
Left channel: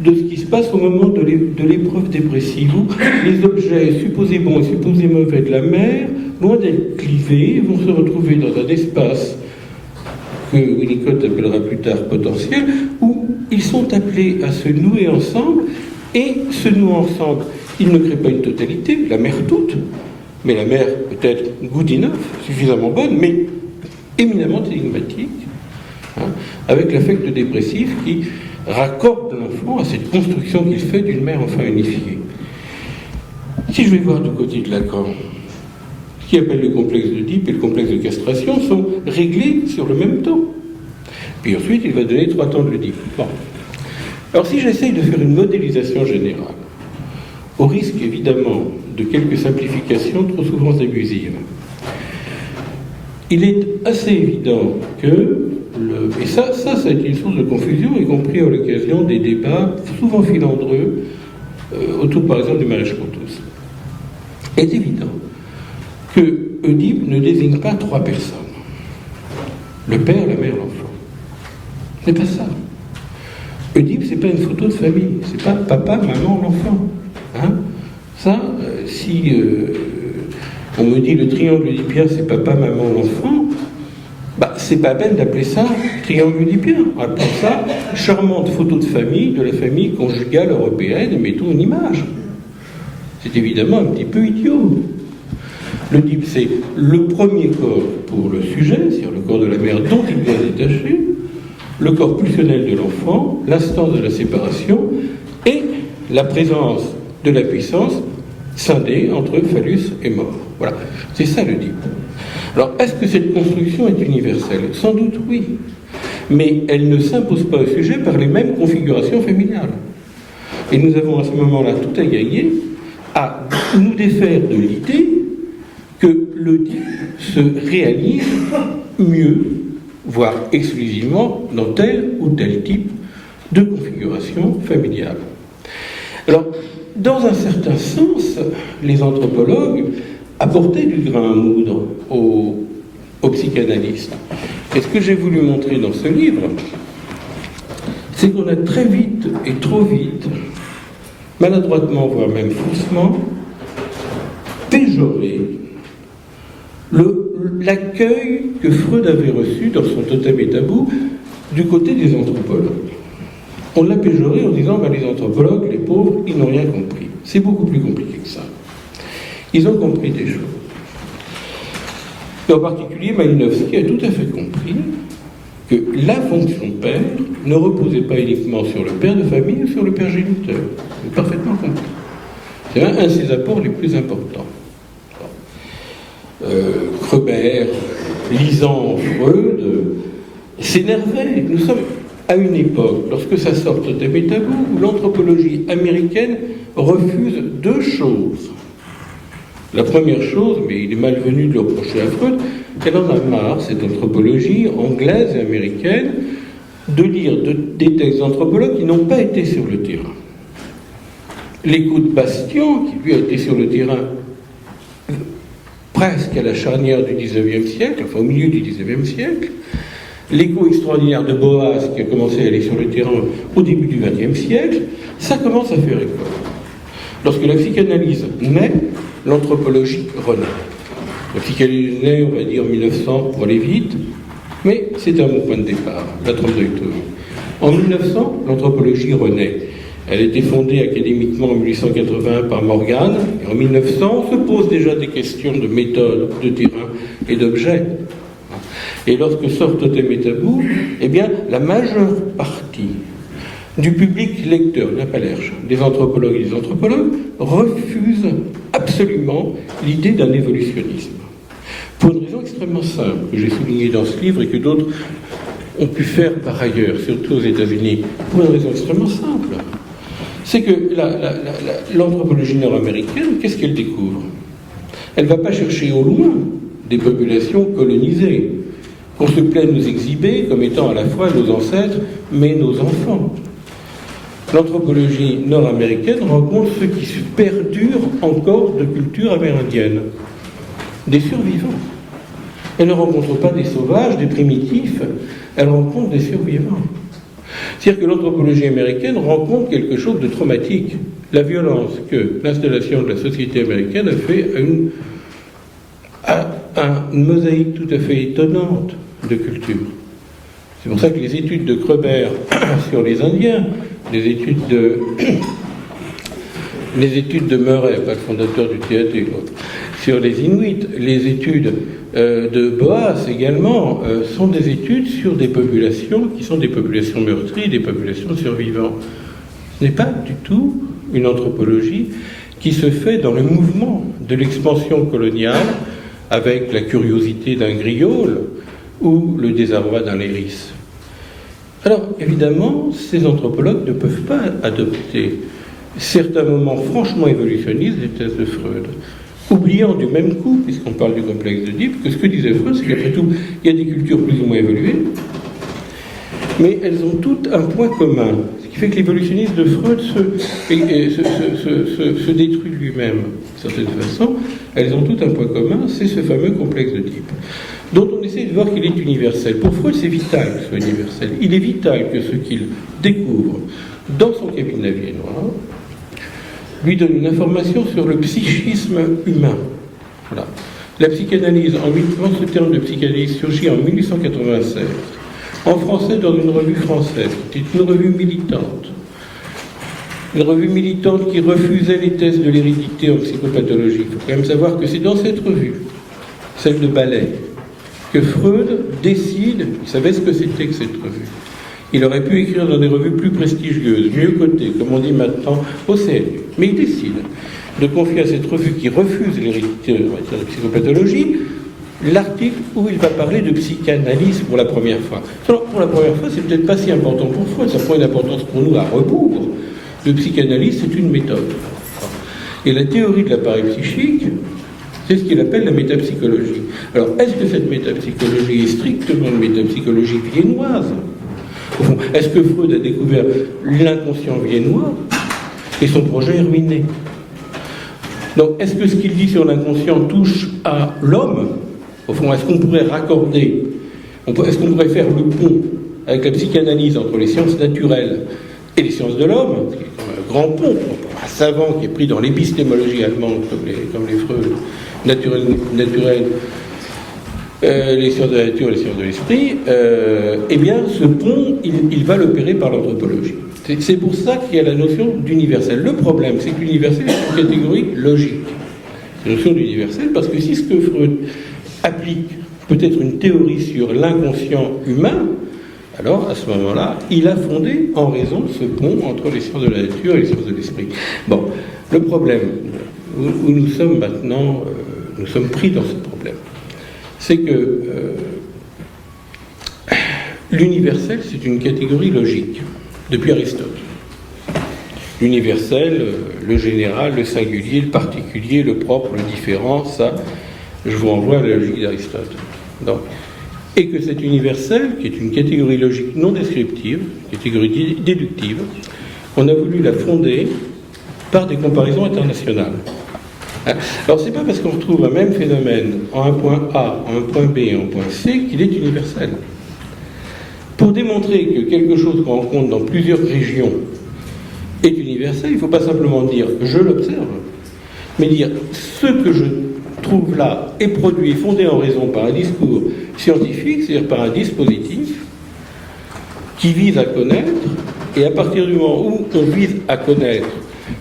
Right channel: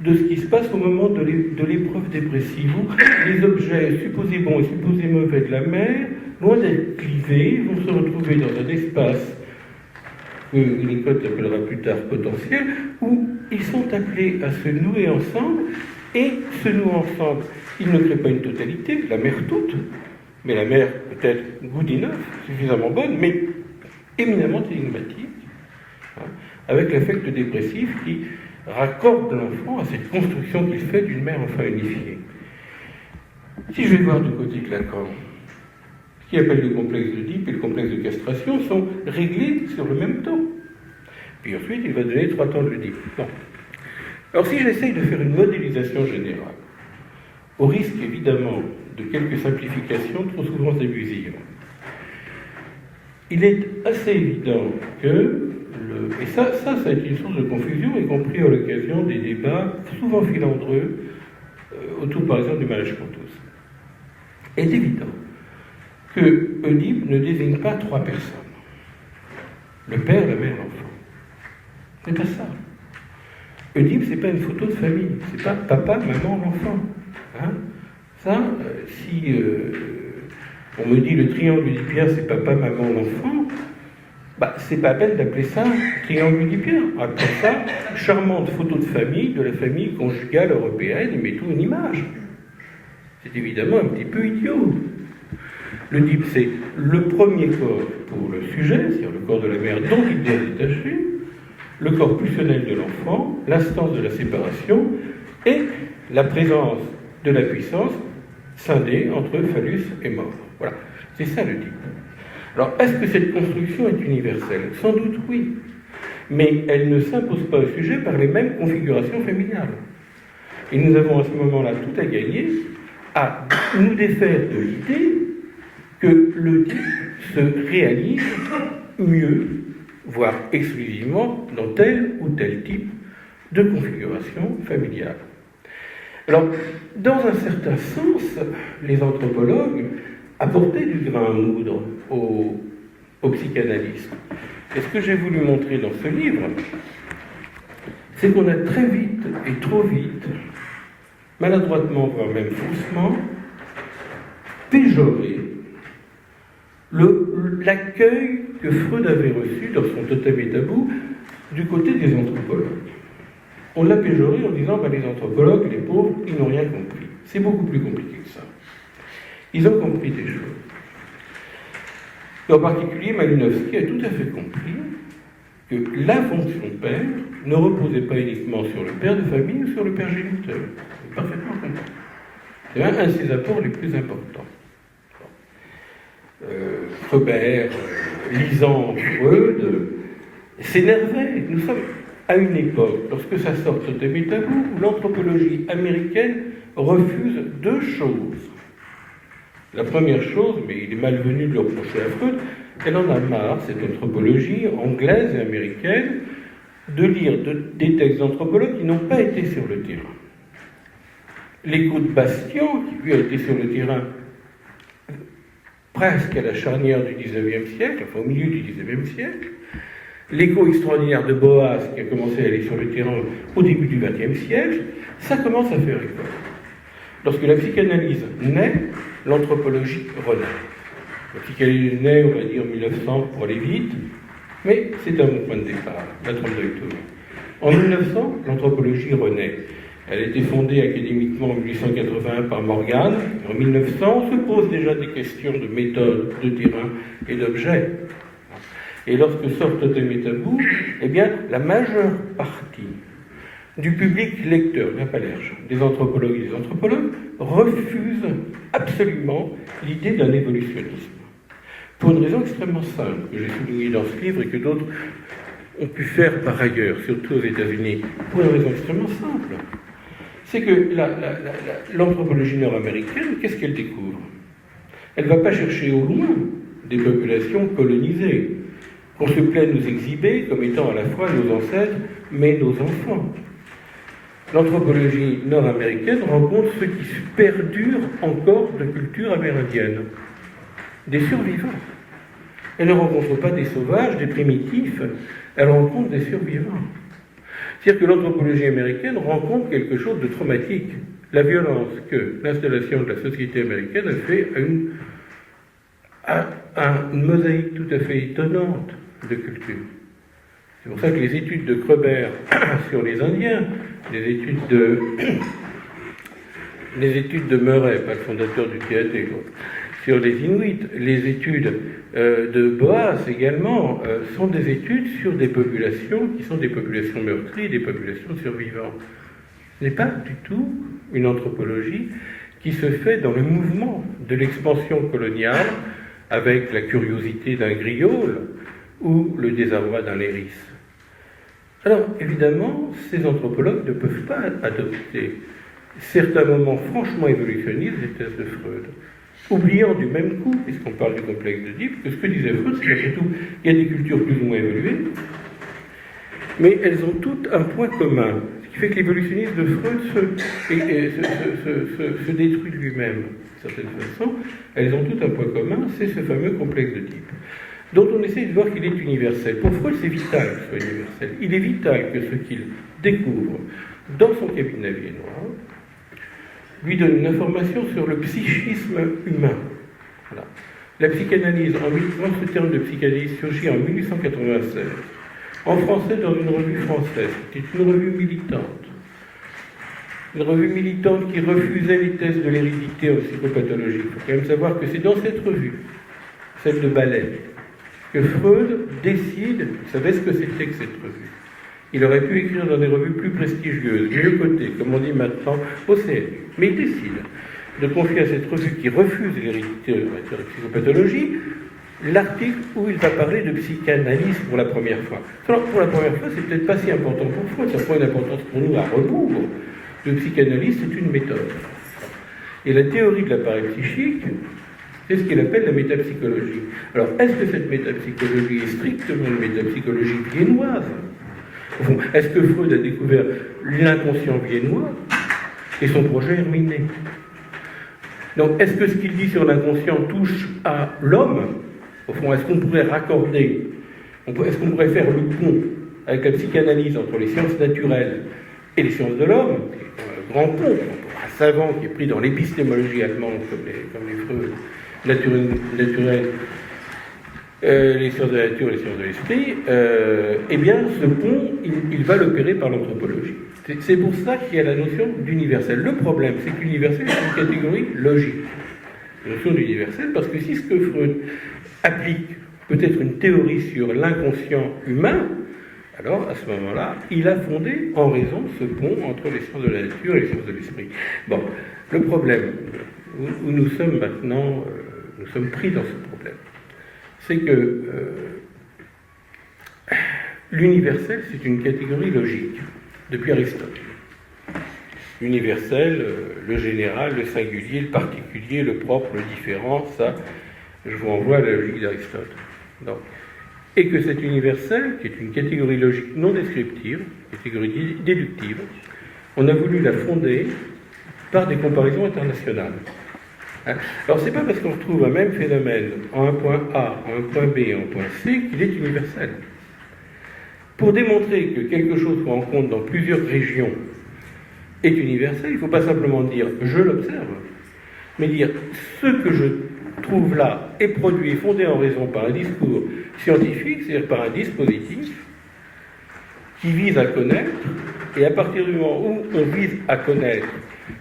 de ce qui se passe au moment de l'épreuve dépressive, où les objets supposés bons et supposés mauvais de la mère, loin d'être clivés, vont se retrouver dans un espace que Winnicott appellera plus tard potentiel, où ils sont appelés à se nouer ensemble, et se nouant ensemble, ils ne créent pas une totalité, la mère toute, mais la mère peut-être good enough, suffisamment bonne, mais éminemment énigmatique, hein, avec l'affect dépressif qui raccorde l'enfant à cette construction qu'il fait d'une mère enfin unifiée. Si je vais voir du côté de Lacan, ce qu'il appelle le complexe d'Oedipe et le complexe de castration sont réglés sur le même temps. Puis ensuite, il va donner 3 temps de l'Oedipe. Bon. Alors si j'essaye de faire une modélisation générale, au risque évidemment de quelques simplifications trop souvent abusives, il est assez évident que, et ça a été une source de confusion, y compris à l'occasion des débats souvent filandreux autour par exemple du mariage pour tous. Il est évident que Oedipe ne désigne pas 3 personnes. Le père, la mère, l'enfant. C'est pas ça. Oedipe, c'est pas une photo de famille. C'est pas papa, maman, l'enfant. Hein? Ça, si on me dit le triangle oedipien, c'est papa, maman, l'enfant, bah, c'est pas à peine d'appeler ça triangle oedipien. On appelle ça charmante photo de famille, de la famille conjugale européenne, et mettons une image. C'est évidemment un petit peu idiot. L'Oedipe, c'est le premier corps pour le sujet, c'est-à-dire le corps de la mère dont il doit se détacher, le corps pulsionnel de l'enfant, l'instance de la séparation et la présence de la puissance scindée entre phallus et mort. Voilà, c'est ça l'Oedipe. Alors, est-ce que cette construction est universelle? Sans doute oui, mais elle ne s'impose pas au sujet par les mêmes configurations familiales. Et nous avons à ce moment-là tout à gagner à nous défaire de l'idée que l'Oedipe se réalise mieux, voire exclusivement, dans tel ou tel type de configuration familiale. Alors, dans un certain sens, les anthropologues apportaient du grain à moudre aux psychanalystes. Et ce que j'ai voulu montrer dans ce livre, c'est qu'on a très vite et trop vite, maladroitement, voire même faussement, péjoré l'accueil que Freud avait reçu dans son Totem et Tabou du côté des anthropologues. On l'a péjoré en disant ben, les anthropologues, les pauvres, ils n'ont rien compris. C'est beaucoup plus compliqué que ça. Ils ont compris des choses. En particulier, Malinowski a tout à fait compris que la fonction père ne reposait pas uniquement sur le père de famille ou sur le père géniteur. Il a parfaitement compris. C'est un de ses apports les plus importants. Kreber, lisant Freud, s'énervait. Nous sommes à une époque, lorsque ça sort de Tabou, où l'anthropologie américaine refuse 2 choses. La première chose, mais il est malvenu de le reprocher à Freud, qu'elle en a marre, cette anthropologie anglaise et américaine, de lire des textes d'anthropologues qui n'ont pas été sur le terrain. L'écho de Bastian, qui lui a été sur le terrain presque à la charnière du XIXe siècle, enfin au milieu du XIXe siècle, l'écho extraordinaire de Boas, qui a commencé à aller sur le terrain au début du XXe siècle, ça commence à faire école. Lorsque la psychanalyse naît, l'anthropologie renaît. La psychanalyse naît, on va dire 1900 pour aller vite, mais c'est un bon point de départ, la trompe-d'œil. En 1900, l'anthropologie renaît. Elle a été fondée académiquement en 1881 par Morgan. Et en 1900, on se pose déjà des questions de méthode, de terrain et d'objet. Et lorsque sort Totem et Tabou, eh bien, la majeure partie du public lecteur, la palerge, des anthropologues et des anthropologues, refuse absolument l'idée d'un évolutionnisme. Pour une raison extrêmement simple, que j'ai soulignée dans ce livre et que d'autres ont pu faire par ailleurs, surtout aux États-Unis, pour une raison extrêmement simple. C'est que l'anthropologie nord-américaine, qu'est-ce qu'elle découvre? Elle ne va pas chercher au loin des populations colonisées, qu'on se plaît de nous exhiber comme étant à la fois nos ancêtres, mais nos enfants. L'anthropologie nord-américaine rencontre ce qui perdure encore de culture amérindienne, des survivants. Elle ne rencontre pas des sauvages, des primitifs, elle rencontre des survivants. C'est-à-dire que l'anthropologie américaine rencontre quelque chose de traumatique. La violence que l'installation de la société américaine a fait à une mosaïque tout à fait étonnante de culture. C'est pour ça que les études de Kreber sur les Indiens, les études de Murray, pas le fondateur du TAT, sur les Inuits, les études de Boas également, sont des études sur des populations qui sont des populations meurtries, des populations survivantes. Ce n'est pas du tout une anthropologie qui se fait dans le mouvement de l'expansion coloniale avec la curiosité d'un griol ou le désarroi d'un léris. Alors, évidemment, ces anthropologues ne peuvent pas adopter certains moments franchement évolutionnistes des thèses de Freud, oubliant du même coup, puisqu'on parle du complexe d'Oedipe, que ce que disait Freud, c'est qu'après tout, il y a des cultures plus ou moins évoluées, mais elles ont toutes un point commun, ce qui fait que l'évolutionniste de Freud se détruit de lui-même, d'une certaine façon. Elles ont toutes un point commun, c'est ce fameux complexe d'Oedipe, dont on essaie de voir qu'il est universel. Pour Freud, c'est vital que ce soit universel. Il est vital que ce qu'il découvre dans son cabinet viennois lui donne une information sur le psychisme humain. Voilà. La psychanalyse, en ce terme de psychanalyse, surgit en 1896, en français dans une revue française, qui était une revue militante. Une revue militante qui refusait les thèses de l'hérédité en psychopathologie. Il faut quand même savoir que c'est dans cette revue, celle de Ballet, que Freud décide, il savait ce que c'était que cette revue. Il aurait pu écrire dans des revues plus prestigieuses, mieux cotées, comme on dit maintenant, au CNU. Mais il décide de confier à cette revue qui refuse l'hérédité en matière de psychopathologie l'article où il va parler de psychanalyse pour la première fois. Alors, pour la première fois, c'est peut-être pas si important pour Freud, ça prend une importance pour nous à rebours. Le psychanalyse, c'est une méthode. Et la théorie de l'appareil psychique, c'est ce qu'il appelle la métapsychologie. Alors, est-ce que cette métapsychologie est strictement une métapsychologie viennoise ? Au fond, est-ce que Freud a découvert l'inconscient viennois et son projet est ruiné ? Donc, est-ce que ce qu'il dit sur l'inconscient touche à l'homme ? Au fond, est-ce qu'on pourrait raccorder, est-ce qu'on pourrait faire le pont avec la psychanalyse entre les sciences naturelles et les sciences de l'homme, qui est un grand pont, un savant qui est pris dans l'épistémologie allemande comme les Freud naturelles, les sciences de la nature et les sciences de l'esprit, eh bien, ce pont, il va l'opérer par l'anthropologie. C'est pour ça qu'il y a la notion d'universel. Le problème, c'est que l'universel est une catégorie logique. La notion d'universel, parce que si ce que Freud applique peut-être une théorie sur l'inconscient humain, alors à ce moment-là, il a fondé en raison ce pont entre les sciences de la nature et les sciences de l'esprit. Bon, le problème où nous sommes maintenant, nous sommes pris dans ce problème, c'est que l'universel, c'est une catégorie logique, depuis Aristote. L'universel, le général, le singulier, le particulier, le propre, le différent, ça, je vous renvoie à la logique d'Aristote. Donc, et que cet universel, qui est une catégorie logique non descriptive, catégorie déductive, on a voulu la fonder par des comparaisons internationales. Alors, c'est pas parce qu'on retrouve un même phénomène en un point A, en un point B et en un point C qu'il est universel. Pour démontrer que quelque chose qu'on rencontre dans plusieurs régions est universel, il ne faut pas simplement dire « je l'observe », mais dire « ce que je trouve là est produit et fondé en raison par un discours scientifique, c'est-à-dire par un dispositif qui vise à connaître, et à partir du moment où on vise à connaître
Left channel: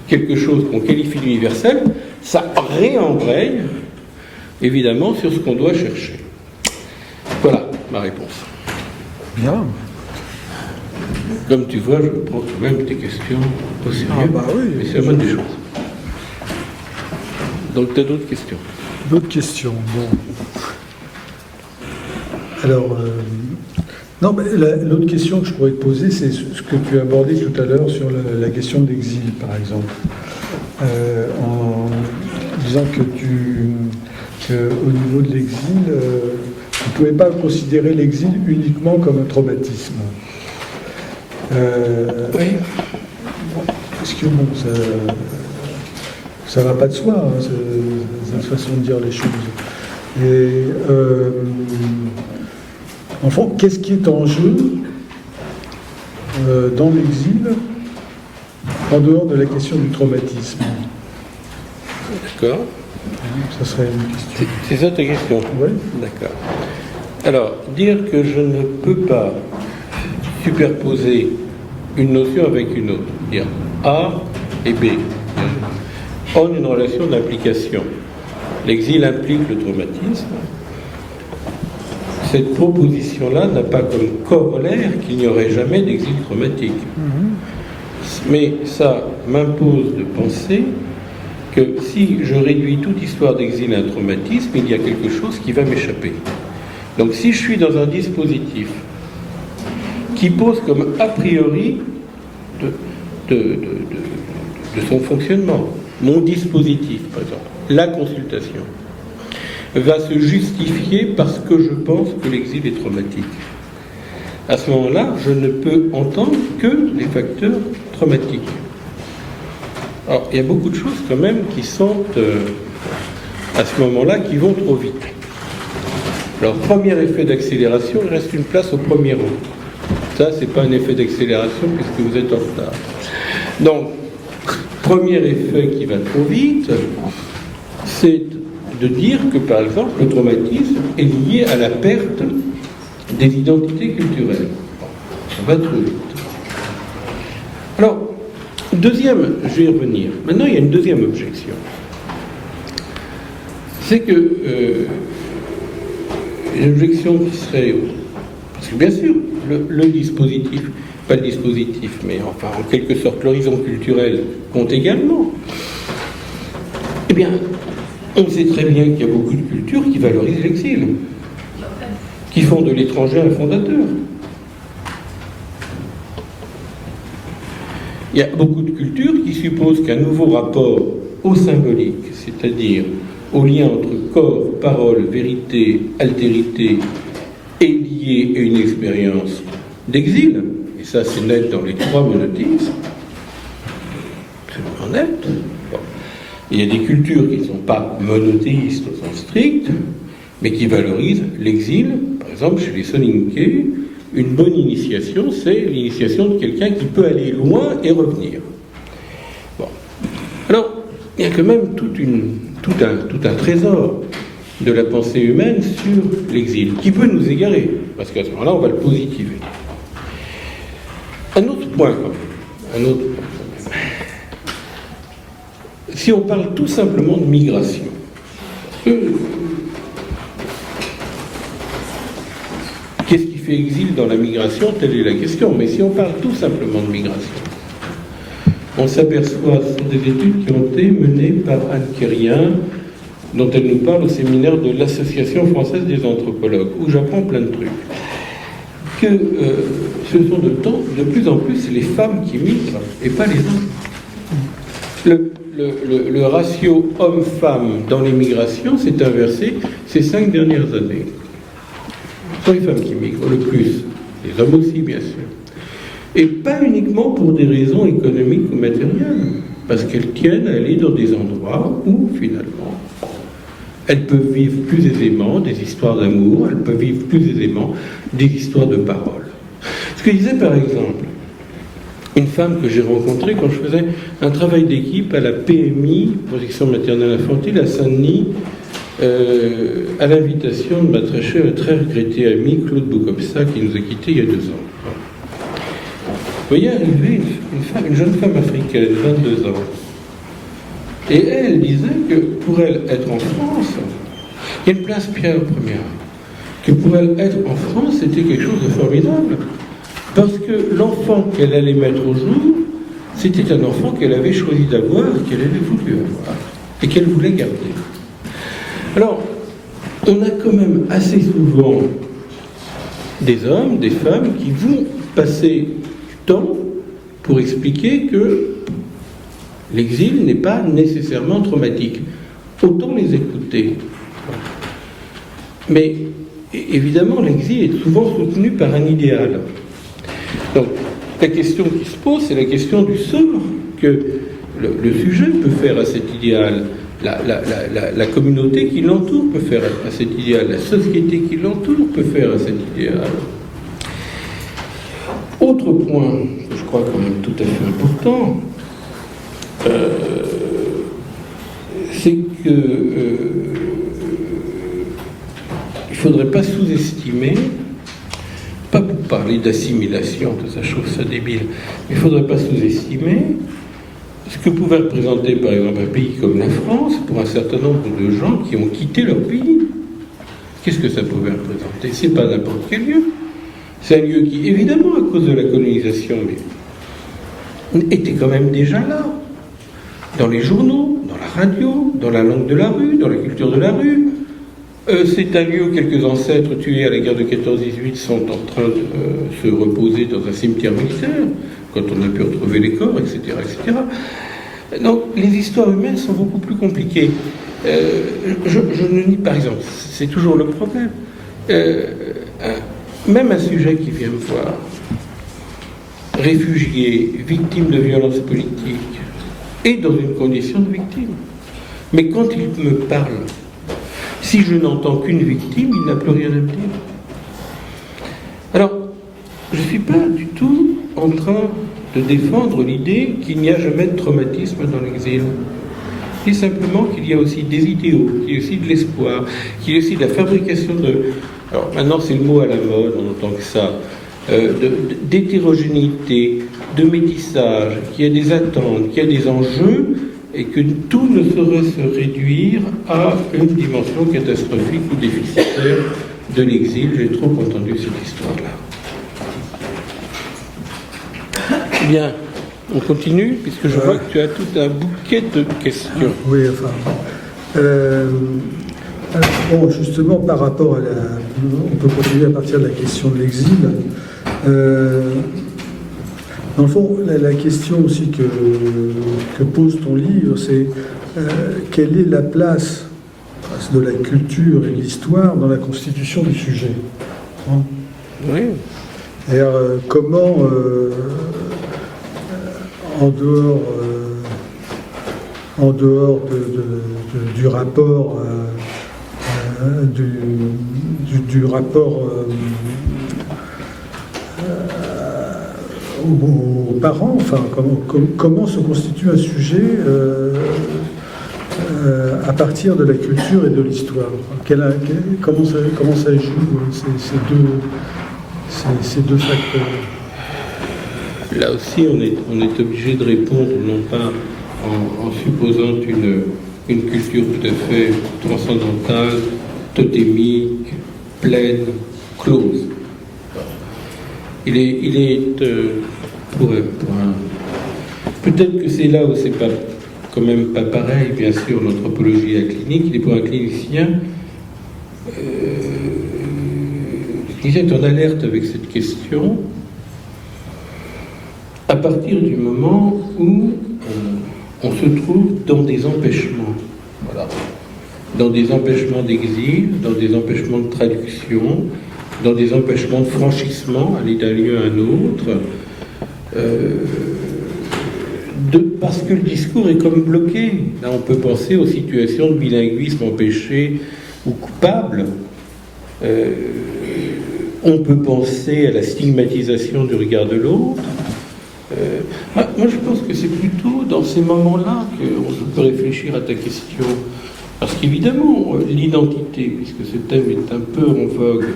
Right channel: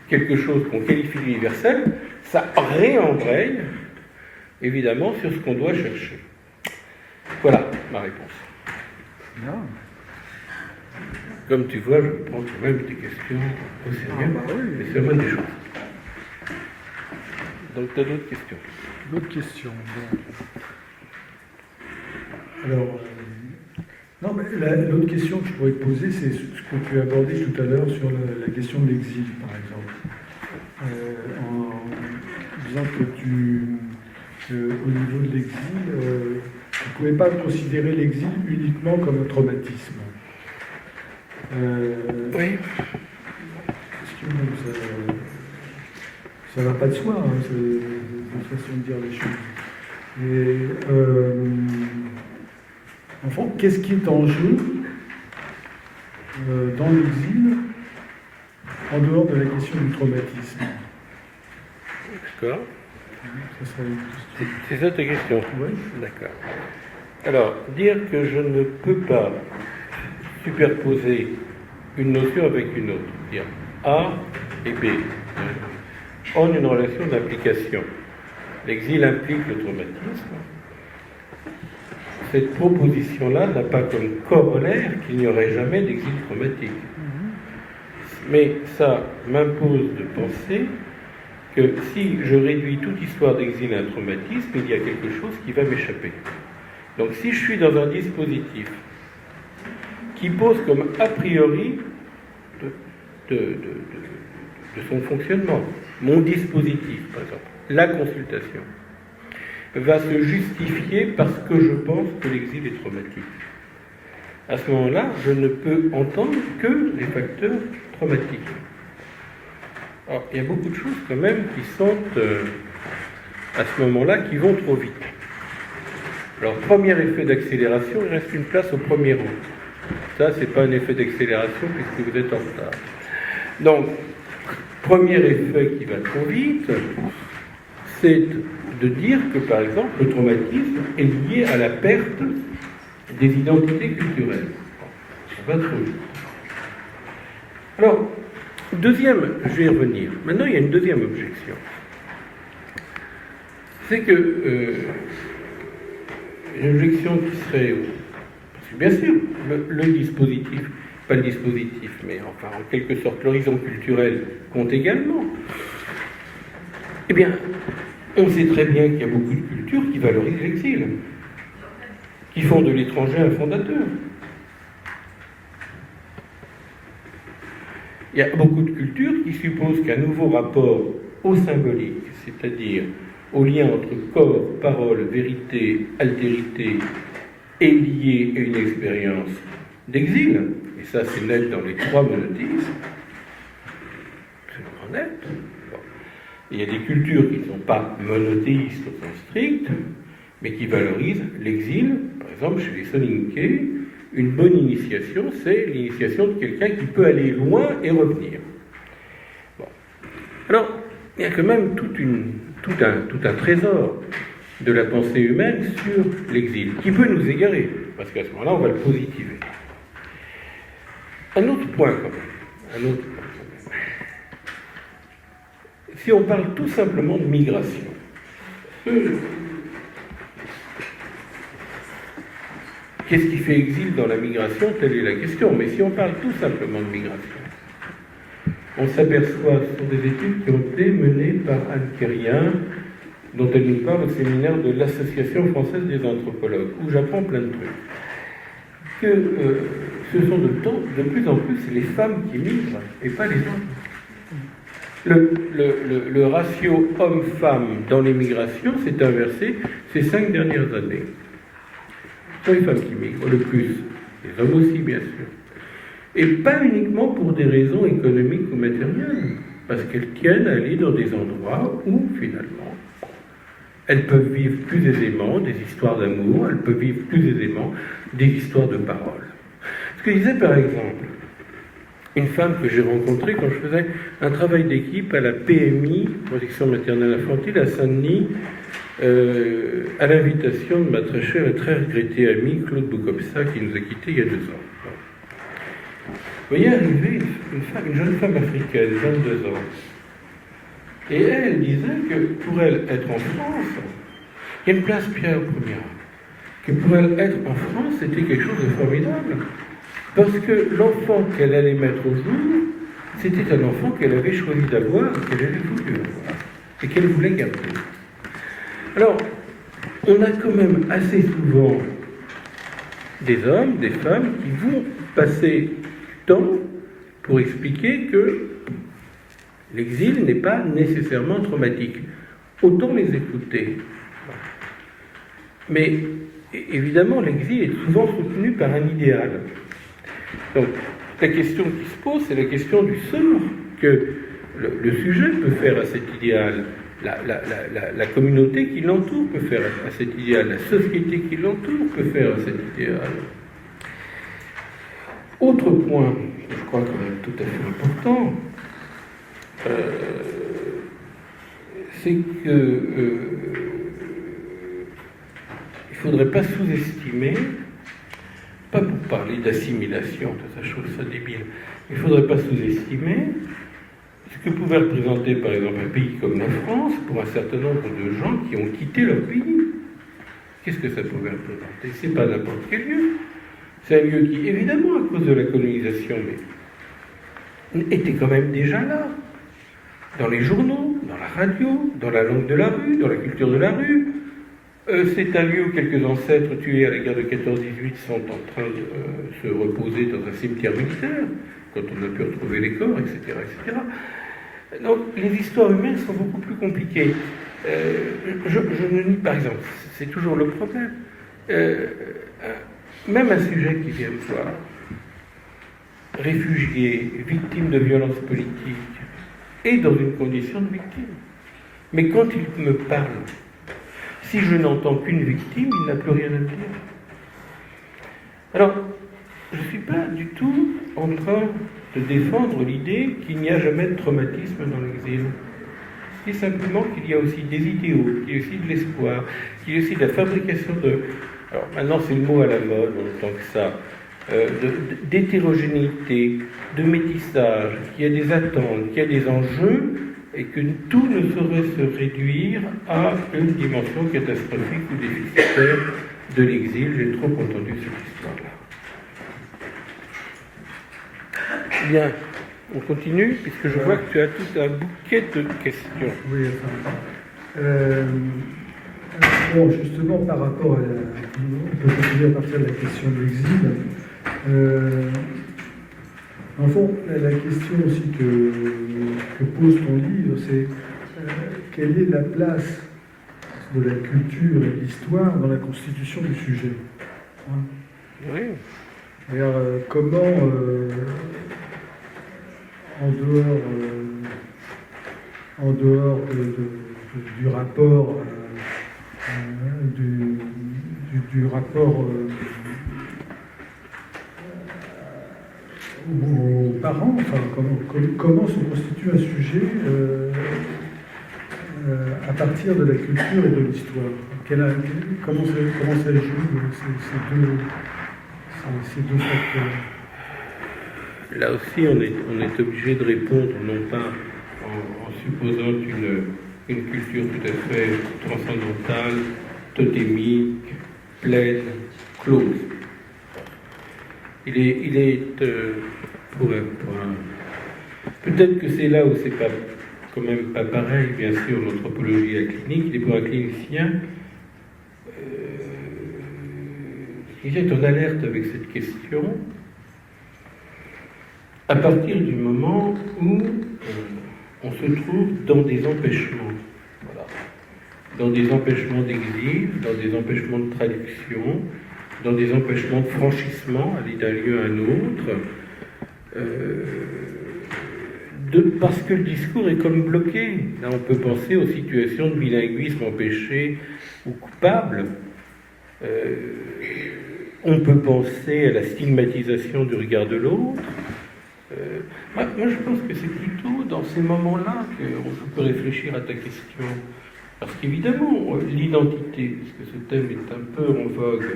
quelque chose qu'on qualifie d'universel, ça réembraye évidemment sur ce qu'on doit chercher. Voilà ma réponse. Bien. Comme tu vois, je prends quand même tes questions au sérieux, Oui. mais c'est la bonne des choses. Donc tu as d'autres questions? D'autres questions, bon. Alors, non, mais l'autre question que je pourrais te poser, c'est ce que tu as abordé tout à l'heure sur la question de l'exil, par exemple. En disant que au niveau de l'exil, tu ne pouvais pas considérer l'exil uniquement comme un traumatisme. Oui. Parce que bon, ça ne va pas de soi, hein, cette façon de dire les choses. Et en fond, qu'est-ce qui est en jeu dans l'exil, en dehors de la question du traumatisme? D'accord. Ça serait une question. C'est ça ta question? Oui. D'accord. Alors, dire que je ne peux pas superposer une notion avec une autre, dire A et B, ont une relation d'implication. L'exil implique le traumatisme. Cette proposition-là n'a pas comme corollaire qu'il n'y aurait jamais d'exil traumatique. Mais ça m'impose de penser que si je réduis toute histoire d'exil à un traumatisme, il y a quelque chose qui va m'échapper. Donc si je suis dans un dispositif qui pose comme a priori de son fonctionnement, mon dispositif, par exemple, la consultation, va se justifier parce que je pense que l'exil est traumatique. À ce moment-là, je ne peux entendre que les facteurs traumatiques. Alors, il y a beaucoup de choses quand même qui sont, à ce moment-là, qui vont trop vite. Alors, premier effet d'accélération, il reste une place au premier rang. Ça, c'est pas un effet d'accélération puisque vous êtes en retard. Donc, premier effet qui va trop vite, c'est de dire que, par exemple, le traumatisme est lié à la perte des identités culturelles. Ça va trop vite. Alors, deuxième, je vais y revenir. Maintenant, il y a une deuxième objection. C'est que une objection qui serait... Parce que bien sûr, le dispositif, pas le dispositif, mais enfin, en quelque sorte, l'horizon culturel compte également. Eh bien, on sait très bien qu'il y a beaucoup de cultures qui valorisent l'exil, qui font de l'étranger un fondateur. Il y a beaucoup de cultures qui supposent qu'un nouveau rapport au symbolique, c'est-à-dire au lien entre corps, parole, vérité, altérité, est lié à une expérience d'exil. Et ça, c'est net dans les trois monothéismes. C'est vraiment net. Bon. Il y a des cultures qui ne sont pas monothéistes au sens strict, mais qui valorisent l'exil. Par exemple, chez les Soninké, une bonne initiation, c'est l'initiation de quelqu'un qui peut aller loin et revenir. Bon. Alors, il y a quand même tout un trésor de la pensée humaine sur l'exil, qui peut nous égarer, parce qu'à ce moment-là, on va le positiver. Un autre point, si on parle tout simplement de migration, qu'est-ce qui fait exil dans la migration? Telle est la question. Mais si on parle tout simplement de migration, on s'aperçoit, ce sont des études qui ont été menées par Anne Quérien, dont elle nous parle au séminaire de l'Association française des anthropologues, où j'apprends plein de trucs, que ce sont de plus en plus les femmes qui migrent et pas les hommes. Le ratio homme-femme dans les migrations s'est inversé ces 5 dernières années. Ce sont les femmes qui migrent le plus, les hommes aussi bien sûr. Et pas uniquement pour des raisons économiques ou matérielles, parce qu'elles tiennent à aller dans des endroits où finalement elles peuvent vivre plus aisément des histoires d'amour, elles peuvent vivre plus aisément des histoires de parole. Ce que disait par exemple une femme que j'ai rencontrée quand je faisais un travail d'équipe à la PMI, Protection maternelle infantile, à Saint-Denis, à l'invitation de ma très chère et très regrettée amie Claude Boukopsa, qui nous a quittés il y a 2 ans. Vous voyez arriver une jeune femme africaine, 22 ans, et elle disait que pour elle être en France, il y a une place Pierre Première, que pour elle être en France, c'était quelque chose de formidable, parce que l'enfant qu'elle allait mettre au jour, c'était un enfant qu'elle avait choisi d'avoir, qu'elle avait voulu avoir, et qu'elle voulait garder. Alors, on a quand même assez souvent des hommes, des femmes qui vont passer du temps pour expliquer que l'exil n'est pas nécessairement traumatique. Autant les écouter. Mais évidemment, l'exil est souvent soutenu par un idéal. Donc, la question qui se pose, c'est la question du sort que le sujet peut faire à cet idéal. La communauté qui l'entoure peut faire à cet idéal. La société qui l'entoure peut faire à cet idéal. Autre point. crois, quand même tout à fait important, c'est que il ne faudrait pas sous-estimer, pas pour parler d'assimilation, tout ça, je trouve ça débile, mais il ne faudrait pas sous-estimer ce que pouvait représenter, par exemple, un pays comme la France, pour un certain nombre de gens qui ont quitté leur pays. Qu'est-ce que ça pouvait représenter? C'est pas n'importe quel lieu. C'est un lieu qui, évidemment, à cause de la colonisation, mais était quand même déjà là. Dans les journaux, dans la radio, dans la langue de la rue, dans la culture de la rue. C'est un lieu où quelques ancêtres tués à la guerre de 14-18 sont en train de se reposer dans un cimetière militaire, quand on a pu retrouver les corps, etc., etc. Donc, les histoires humaines sont beaucoup plus compliquées. Je ne nie, par exemple, c'est toujours le problème. Même un sujet qui vient me voir, réfugié, victime de violences politiques, est dans une condition de victime. Mais quand il me parle, si je n'entends qu'une victime, il n'a plus rien à me dire. Alors, je ne suis pas du tout en train de défendre l'idée qu'il n'y a jamais de traumatisme dans l'exil. Je dis simplement qu'il y a aussi des idéaux, qu'il y a aussi de l'espoir, qu'il y a aussi de la fabrication de... Alors maintenant c'est le mot à la mode, en tant que ça, d'hétérogénéité, de métissage, qu'il y a des attentes, qu'il y a des enjeux, et que tout ne saurait se réduire à une dimension catastrophique ou déficitaire de l'exil. J'ai trop entendu cette histoire-là. Bien, on continue, puisque je vois que tu as tout un bouquet de questions. Oui, enfin... bon, justement, par rapport à la... On peut continuer à partir de la question de l'exil. Dans le fond, la question aussi que pose ton livre, c'est quelle est la place de la culture et de l'histoire dans la constitution du sujet, hein? Oui. Et comment, en dehors du rapport, du rapport aux parents, enfin, comment se constitue un sujet à partir de la culture et de l'histoire? Comment ça joue ces deux facteurs? Là aussi, on est obligé de répondre, non pas en supposant une culture tout à fait transcendantale, totémique, pleine, close. Il est pour un... Peut-être que c'est là où c'est pas, quand même pas pareil, bien sûr, l'anthropologie clinique. Il est pour un clinicien, le clinicien est en alerte avec cette question à partir du moment où on se trouve dans des empêchements. Voilà. Dans des empêchements d'exil, dans des empêchements de traduction, dans des empêchements de franchissement, aller d'un lieu à un autre, parce que le discours est comme bloqué. Là, on peut penser aux situations de bilinguisme empêché ou coupable. On peut penser à la stigmatisation du regard de l'autre. Moi, je pense que c'est plutôt dans ces moments-là qu'on peut réfléchir à ta question. Parce qu'évidemment, l'identité, puisque ce thème est un peu en vogue,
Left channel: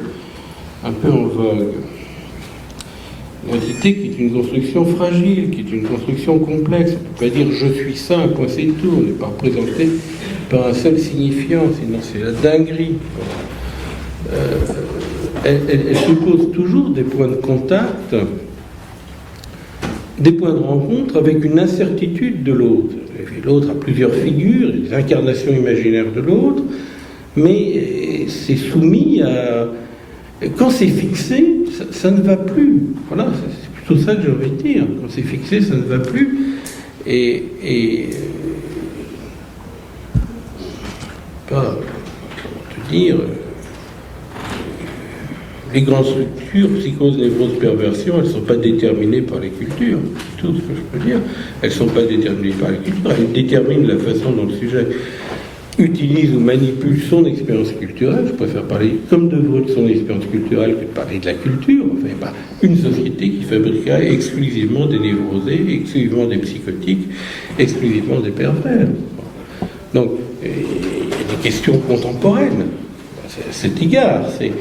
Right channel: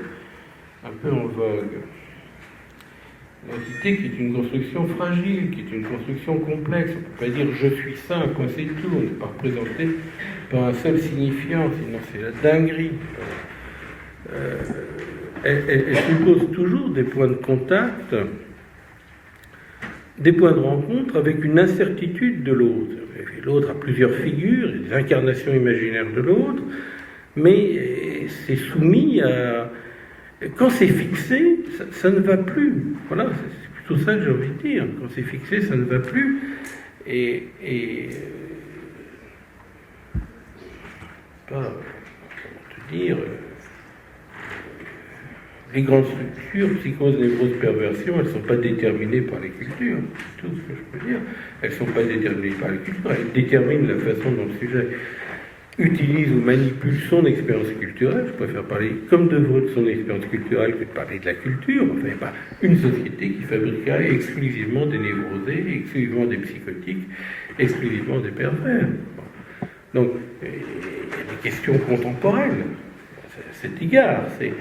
l'identité qui est une construction fragile, qui est une construction complexe. On ne peut pas dire je suis ça, un point c'est tout. On n'est pas représenté par un seul signifiant, sinon c'est la dinguerie. Elle suppose toujours des points de contact, des points de rencontre avec une incertitude de l'autre. L'autre a plusieurs figures, des incarnations imaginaires de l'autre, mais c'est soumis à... Quand c'est fixé, ça ne va plus. Voilà, c'est plutôt ça que j'ai envie de dire. Quand c'est fixé, ça ne va plus. Pas, comment te dire... Les grandes structures, psychose, névrose, perversion, elles ne sont pas déterminées par les cultures. C'est tout ce que je peux dire. Elles ne sont pas déterminées par les cultures. Elles déterminent la façon dont le sujet utilise ou manipule son expérience culturelle. Je préfère parler comme de vous de son expérience culturelle que de parler de la culture. Enfin, pas une société qui fabriquerait exclusivement des névrosés, exclusivement des psychotiques, exclusivement des pervers. Donc, il y a des questions contemporaines à cet égard. C'est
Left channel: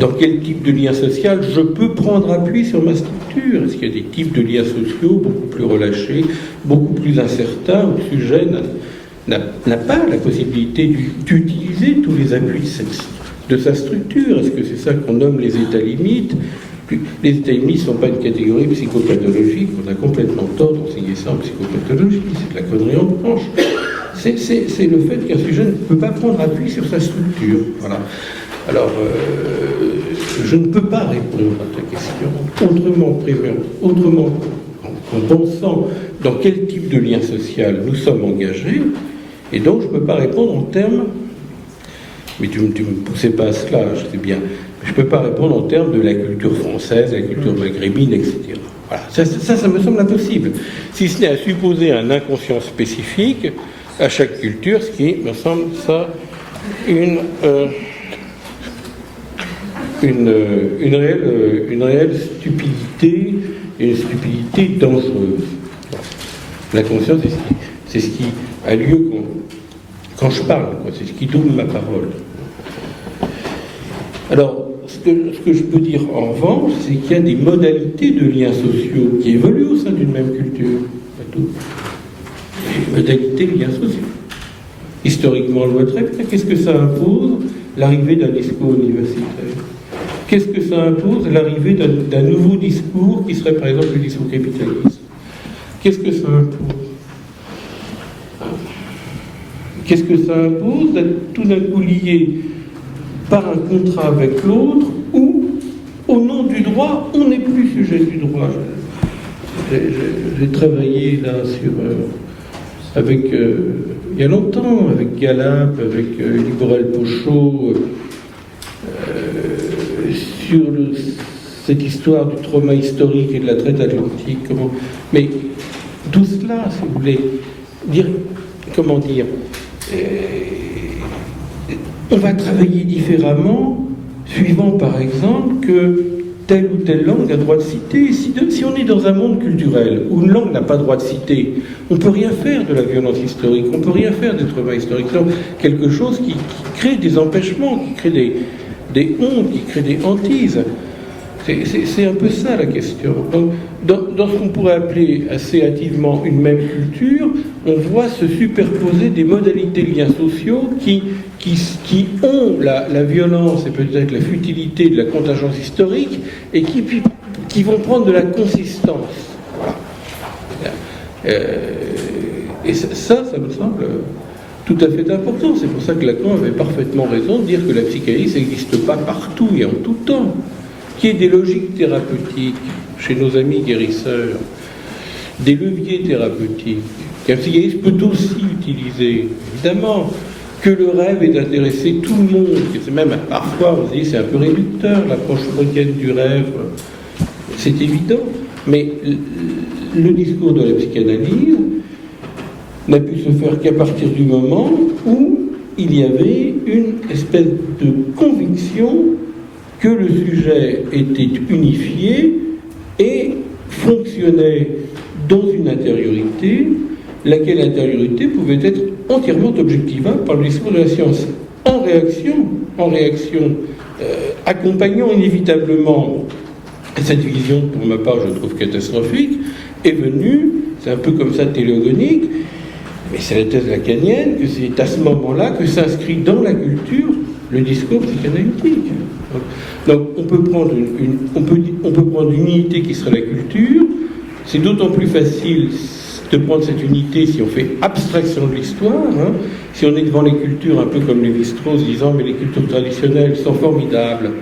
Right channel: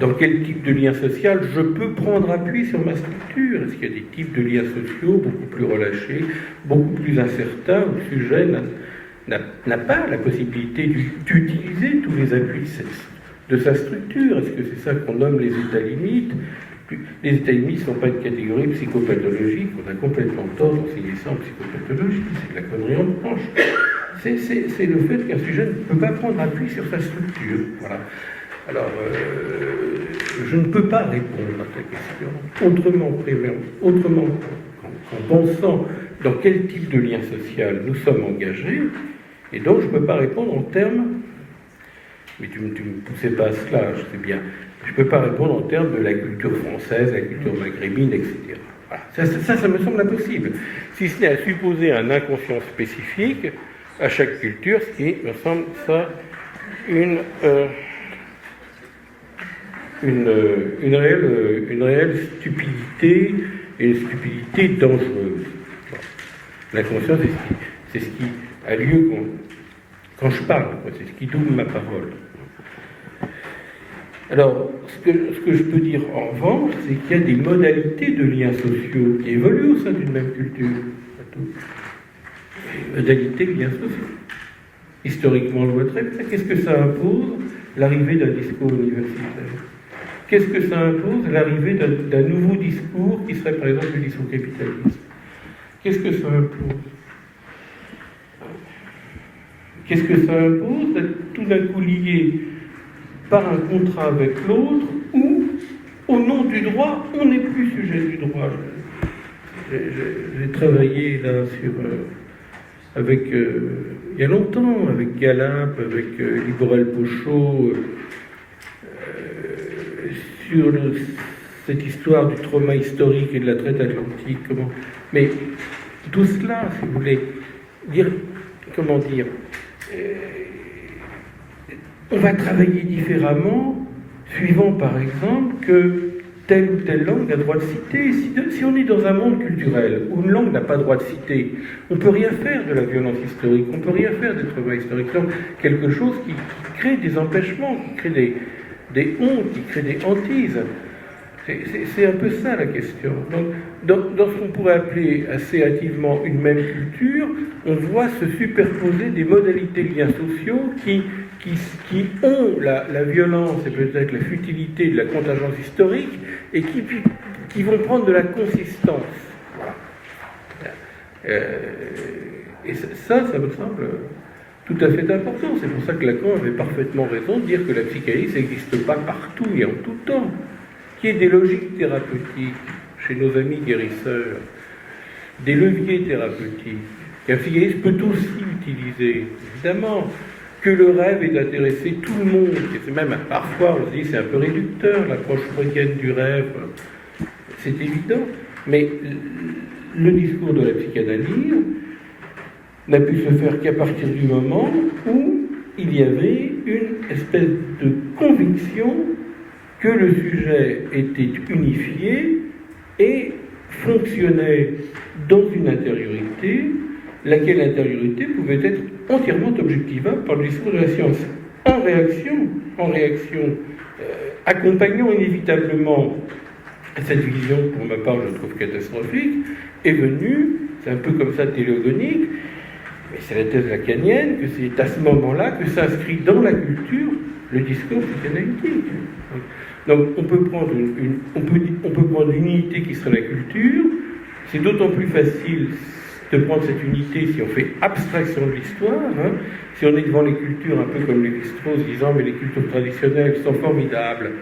dans quel type de lien social je peux prendre appui sur ma structure? Est-ce qu'il y a des types de liens sociaux beaucoup plus relâchés, beaucoup plus incertains, où le sujet n'a pas la possibilité d'utiliser tous les appuis de sa structure? Est-ce que c'est ça qu'on nomme les états limites? Les états limites ne sont pas une catégorie psychopathologique, on a complètement tort d'enseigner ça en psychopathologie, c'est de la connerie en branche. C'est le fait qu'un sujet ne peut pas prendre appui sur sa structure. Voilà. Alors, je ne peux pas répondre à ta question autrement qu'en pensant dans quel type de lien social nous sommes engagés, et donc je ne peux pas répondre en termes, mais tu ne me poussais pas à cela, je sais bien, je ne peux pas répondre en termes de la culture française, la culture maghrébine, etc. Voilà. Ça me semble impossible, si ce n'est à supposer un inconscient spécifique à chaque culture, ce qui me semble ça une réelle stupidité, et une stupidité dangereuse. La conscience, c'est ce qui a lieu quand je parle, c'est ce qui double ma parole. Alors, ce que je peux dire en revanche, c'est qu'il y a des modalités de liens sociaux qui évoluent au sein d'une même culture. Des modalités de liens sociaux. Historiquement, le qu'est-ce que ça impose? L'arrivée d'un discours universitaire. Qu'est-ce que ça impose? L'arrivée d'un nouveau discours qui serait par exemple le discours capitaliste. Qu'est-ce que ça impose? Qu'est-ce que ça impose d'être tout d'un coup lié par un contrat avec l'autre où, au nom du droit, on n'est plus sujet du droit? J'ai travaillé là avec il y a longtemps, avec Galap, avec Liborel-Pochot, sur cette histoire du trauma historique et de la traite atlantique. Mais tout cela, si vous voulez, on va travailler différemment, suivant par exemple que telle ou telle langue a droit de citer. Si on est dans un monde culturel où une langue n'a pas droit de citer, on ne peut rien faire de la violence historique, on ne peut rien faire des traumas historiques. C'est quelque chose qui crée des empêchements, qui crée des hontes, qui crée des hantises. C'est un peu ça la question. Donc, dans ce qu'on pourrait appeler assez hâtivement une même culture, on voit se superposer des modalités de liens sociaux qui ont la violence et peut-être la futilité de la contingence historique et qui vont prendre de la consistance. Voilà. Et ça me semble tout à fait important. C'est pour ça que Lacan avait parfaitement raison de dire que la psychanalyse n'existe pas partout et en tout temps. Qu'il y ait des logiques thérapeutiques chez nos amis guérisseurs, des leviers thérapeutiques, qu'un psychanalyste peut aussi utiliser, évidemment, que le rêve est d'intéresser tout le monde, que c'est même parfois, on se dit, c'est un peu réducteur, l'approche freudienne du rêve, c'est évident, mais le discours de la psychanalyse n'a pu se faire qu'à partir du moment où il y avait une espèce de conviction que le sujet était unifié et fonctionnait dans une intériorité, laquelle intériorité pouvait être entièrement objectivable par le discours de la science. En réaction, accompagnant inévitablement cette vision, pour ma part, je trouve catastrophique, est venue, c'est un peu comme ça télégonique, mais c'est la thèse lacanienne, que c'est à ce moment-là que s'inscrit dans la culture le discours psychanalytique. Donc on peut prendre une unité qui serait la culture. C'est d'autant plus facile de prendre cette unité si on fait abstraction de l'histoire, si on est devant les cultures un peu comme Lévi-Strauss disant mais les cultures traditionnelles sont formidables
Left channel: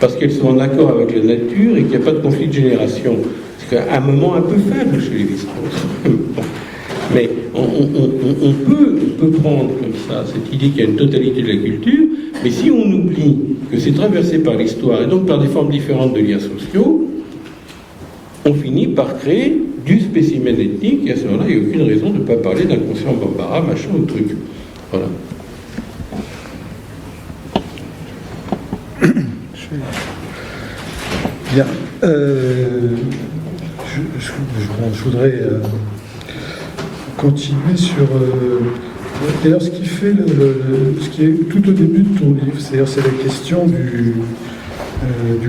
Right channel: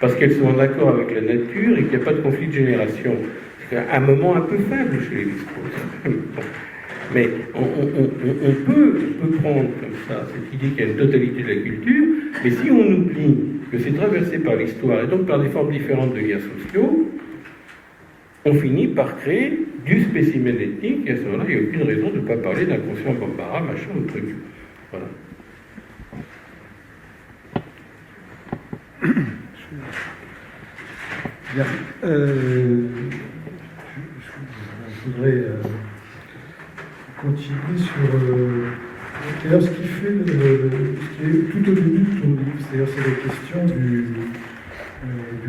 parce qu'elles sont en accord avec la nature et qu'il n'y a pas de conflit de génération. C'est un moment un peu faible chez Lévi-Strauss. Mais on peut prendre comme ça cette idée qu'il y a une totalité de la culture, mais si on oublie que c'est traversé par l'histoire et donc par des formes différentes de liens sociaux, on finit par créer du spécimen ethnique, et à ce moment-là, il n'y a aucune raison de ne pas parler d'inconscient Bambara, machin ou truc. Voilà. Bien. Je voudrais continuer sur. D'ailleurs, ce qui fait ce qui est tout au début de ton livre, c'est la question du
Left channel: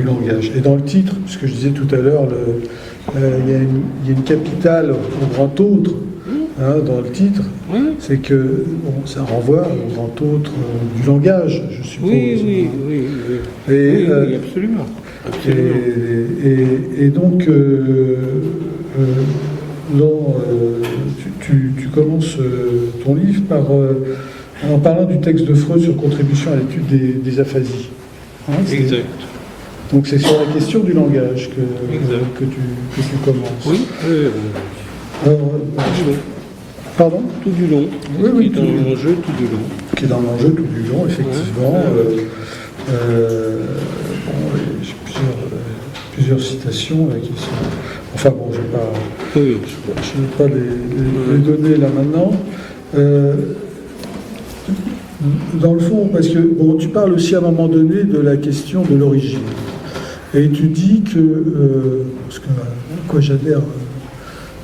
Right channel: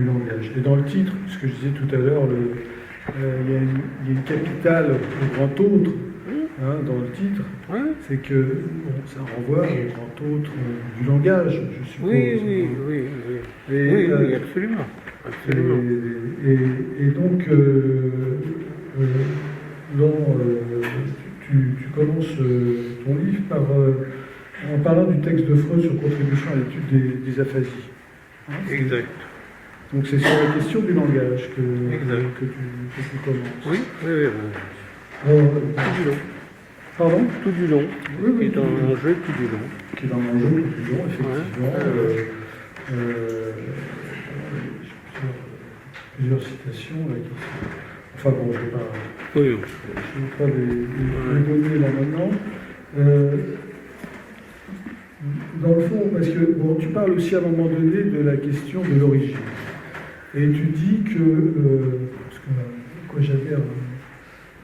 langage. Et dans le titre, ce que je disais tout à l'heure, il y a une capitale au grand autre. Hein, dans le titre, c'est que ça renvoie au grand autre du langage, je suppose. Oui, oui, absolument. Et donc, tu commences ton livre en parlant du texte de Freud sur contribution à l'étude des aphasies. Hein, exact. Donc c'est sur la question du langage que tu commences. Oui. Pardon ? Tout du long. Oui, qui est dans l'enjeu tout du long. Qui est dans l'enjeu tout du long, effectivement. J'ai plusieurs citations là, qui sont. Enfin bon, je ne vais pas les donner là maintenant. Dans le fond, parce que bon, tu parles aussi à un moment donné de la question de l'origine. Et tu dis que, parce que quoi j'adhère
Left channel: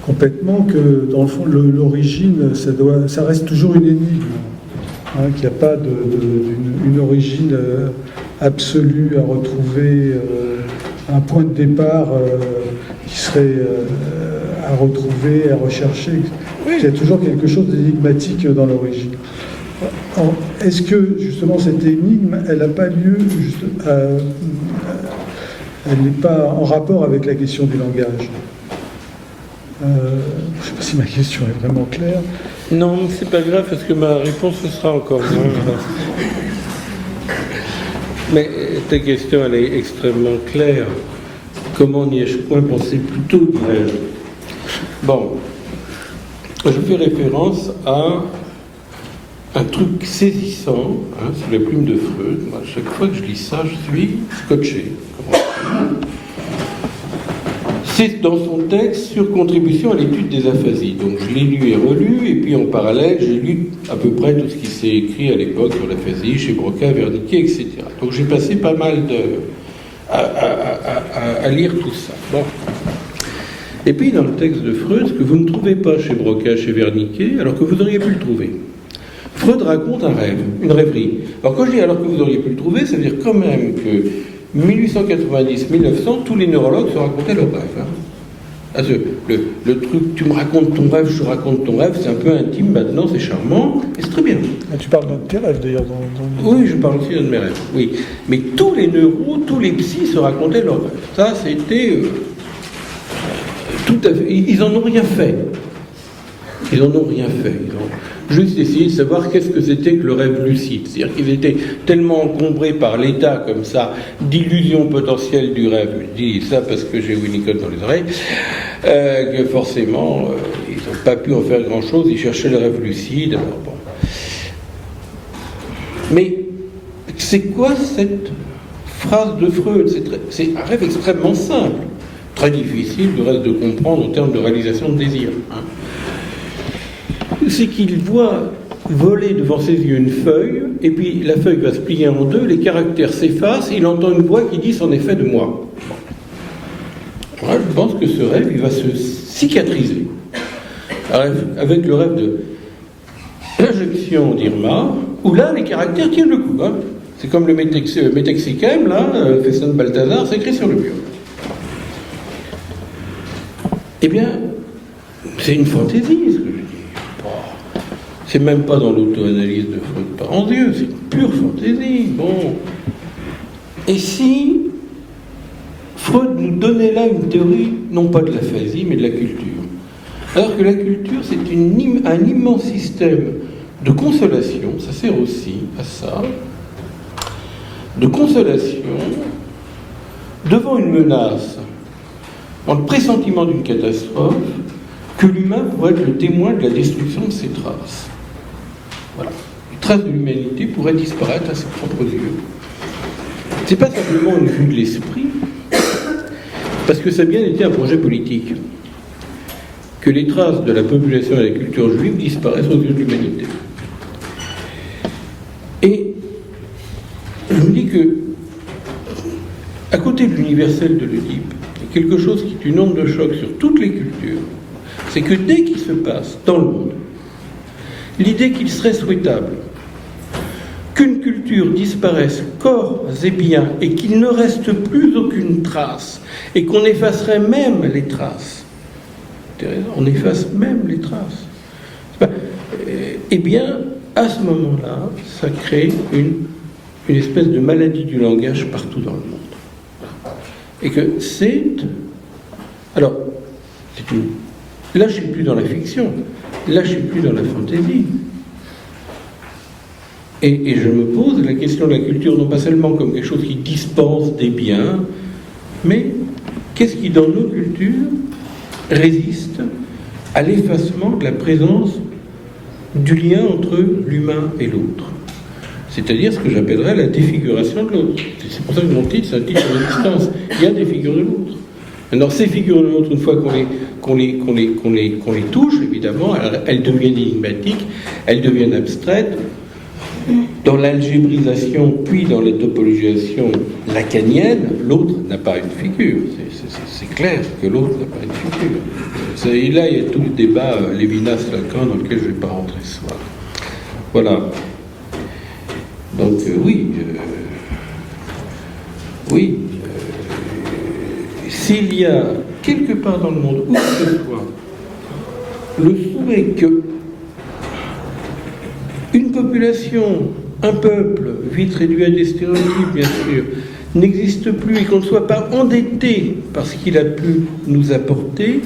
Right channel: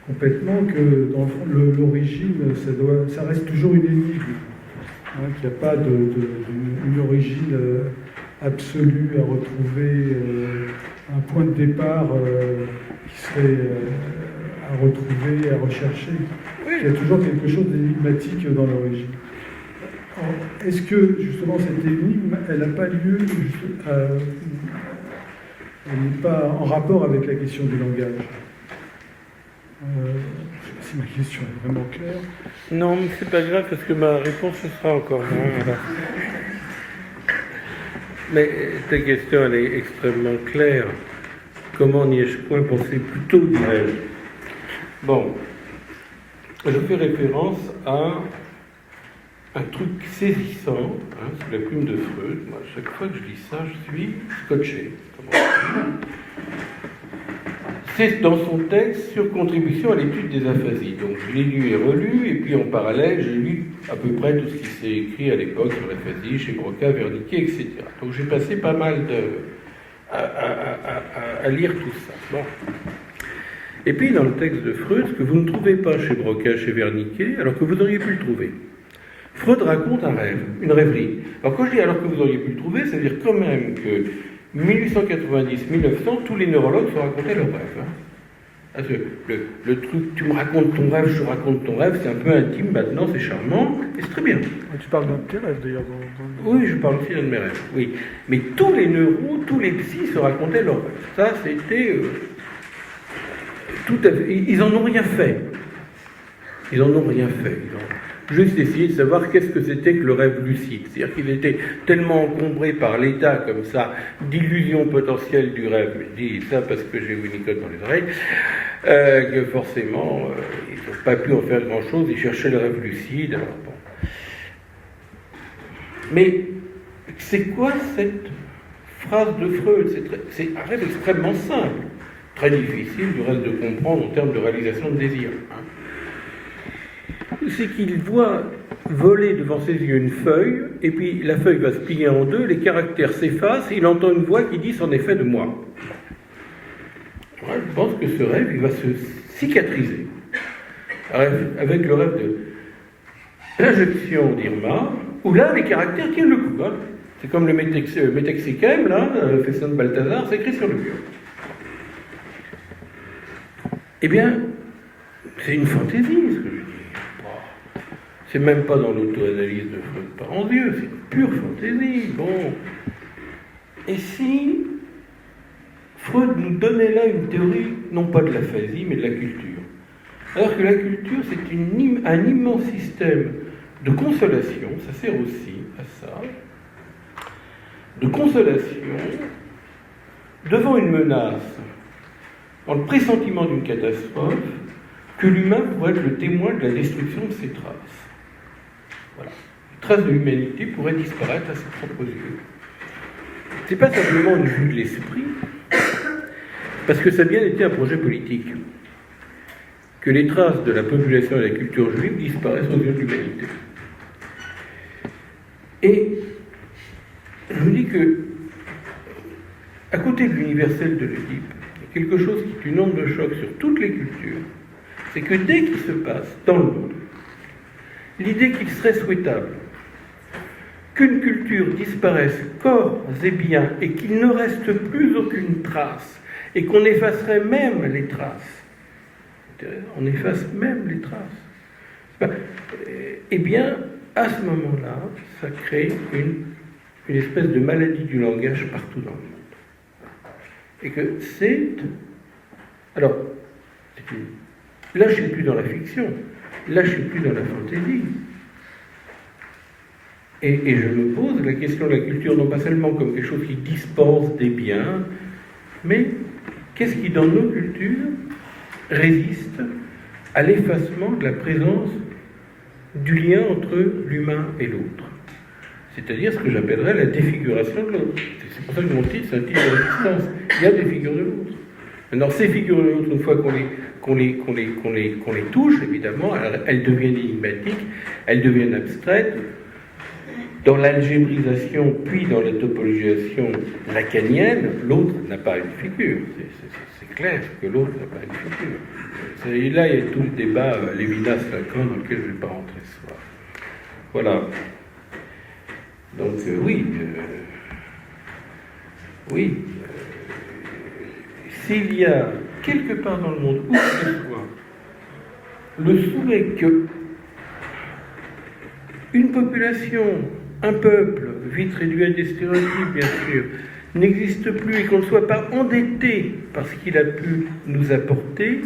complètement, que dans le fond, l'origine, ça reste toujours une énigme. Hein, qu'il n'y a pas une origine absolue à retrouver, un point de départ qui serait à retrouver, à rechercher. Il y a toujours quelque chose d'énigmatique dans l'origine. Est-ce que justement cette énigme, elle n'a pas lieu, elle n'est pas en rapport avec la question du langage? Je ne sais pas si ma question est vraiment claire. Non, c'est pas grave parce que ma réponse sera encore moins. Mais ta question, elle est extrêmement claire. Comment n'y ai-je point pensé plus tôt, dirais-je? Bon, je fais référence à un truc saisissant, hein, sous la plume de Freud. Moi, chaque fois que je lis ça, je suis scotché. C'est dans son texte sur contribution à l'étude des aphasies. Donc je l'ai lu et relu, et puis en parallèle, j'ai lu à peu près tout ce qui s'est écrit à l'époque sur l'aphasie, chez Broca, Wernicke, etc. Donc j'ai passé pas mal à lire tout ça. Bon. Et puis dans le texte de Freud, ce que vous ne trouvez pas chez Broca, chez Wernicke, alors que vous auriez pu le trouver. Freud raconte un rêve, une rêverie. Alors quand je dis alors que vous auriez pu le trouver, ça veut dire quand même que 1890-1900, tous les neurologues se racontaient leur rêve. Hein. Le truc, tu me racontes ton rêve, je raconte ton rêve, c'est un peu intime maintenant, c'est charmant, et c'est très bien. Ah, tu parles d'un de tes rêves d'ailleurs Oui, je parle aussi d'un de mes rêves, oui. Mais tous les neuros, tous les psys se racontaient leurs rêves. Ça, c'était tout à fait. Ils en ont rien fait. Ils en ont rien fait. Ils ont juste essayé de savoir qu'est-ce que c'était que le rêve lucide. C'est-à-dire qu'ils étaient tellement encombrés par l'état, comme ça, d'illusion potentielle du rêve. Je dis ça parce que j'ai Winnicott dans les oreilles, que forcément, ils n'ont pas pu en faire grand-chose. Ils cherchaient le rêve lucide. Alors bon. Mais c'est quoi cette phrase de Freud? C'est un rêve extrêmement simple, très difficile du reste de comprendre en termes de réalisation de désir. Hein. C'est qu'il voit voler devant ses yeux une feuille, et puis la feuille va se plier en deux, les caractères s'effacent, et il entend une voix qui dit « c'en est fait de moi ». Je pense que ce rêve, il va se cicatriser. Avec le rêve de l'injection d'Irma, où là, les caractères tiennent le coup. Hein. C'est comme le métexicam, là, le Fesson de Balthazar, c'est écrit sur le mur. Eh bien, c'est une fantaisie, ce que je dis. C'est même pas dans l'auto-analyse de Freud Parandieu, c'est une pure fantaisie. Bon. Et si Freud nous donnait là une théorie, non pas de l'aphasie, mais de la culture. Alors que la culture, c'est un immense système de consolation, ça sert aussi à ça, de consolation devant une menace, dans le pressentiment d'une catastrophe, que l'humain pourrait être le témoin de la destruction de ses traces. Voilà. Les traces de l'humanité pourraient disparaître à ses propres yeux. Ce n'est pas simplement une vue de l'esprit, parce que ça a bien été un projet politique, que les traces de la population et de la culture juive disparaissent aux yeux de l'humanité. Et je me dis que, à côté de l'universel de l'Oedipe, il y a quelque chose qui est une onde de choc sur toutes les cultures, c'est que dès qu'il se passe dans le monde l'idée qu'il serait souhaitable qu'une culture disparaisse corps et biens et qu'il ne reste plus aucune trace et qu'on effacerait même les traces, on efface même les traces, eh bien, à ce moment-là, ça crée une espèce de maladie du langage partout dans le monde. Et que c'est... Alors, là, je ne suis plus dans la fiction, là, je ne suis plus dans la fantaisie. Et je me pose la question de la culture, non pas seulement comme quelque chose qui dispense des biens, mais qu'est-ce qui, dans nos cultures, résiste à l'effacement de la présence du lien entre l'humain et l'autre. C'est-à-dire ce que j'appellerais la défiguration de l'autre. C'est pour ça que mon titre, c'est un titre de résistance. Il y a des figures de l'autre. Maintenant, ces figures de l'autre, une fois qu'on les touche, évidemment, elles deviennent énigmatiques, elles deviennent abstraites. Dans l'algébrisation, puis dans la topologisation lacanienne, l'autre n'a pas une figure. C'est clair que l'autre n'a pas une figure. Et là, il y a tout le débat Lévinas-Lacan dans lequel je ne vais pas rentrer ce soir. Voilà. Donc, s'il y a quelque part dans le monde, où que ce soit, le souhait que une population, un peuple, vite réduit à des stéréotypes, bien sûr, n'existe plus et qu'on ne soit pas endetté par ce qu'il a pu nous apporter,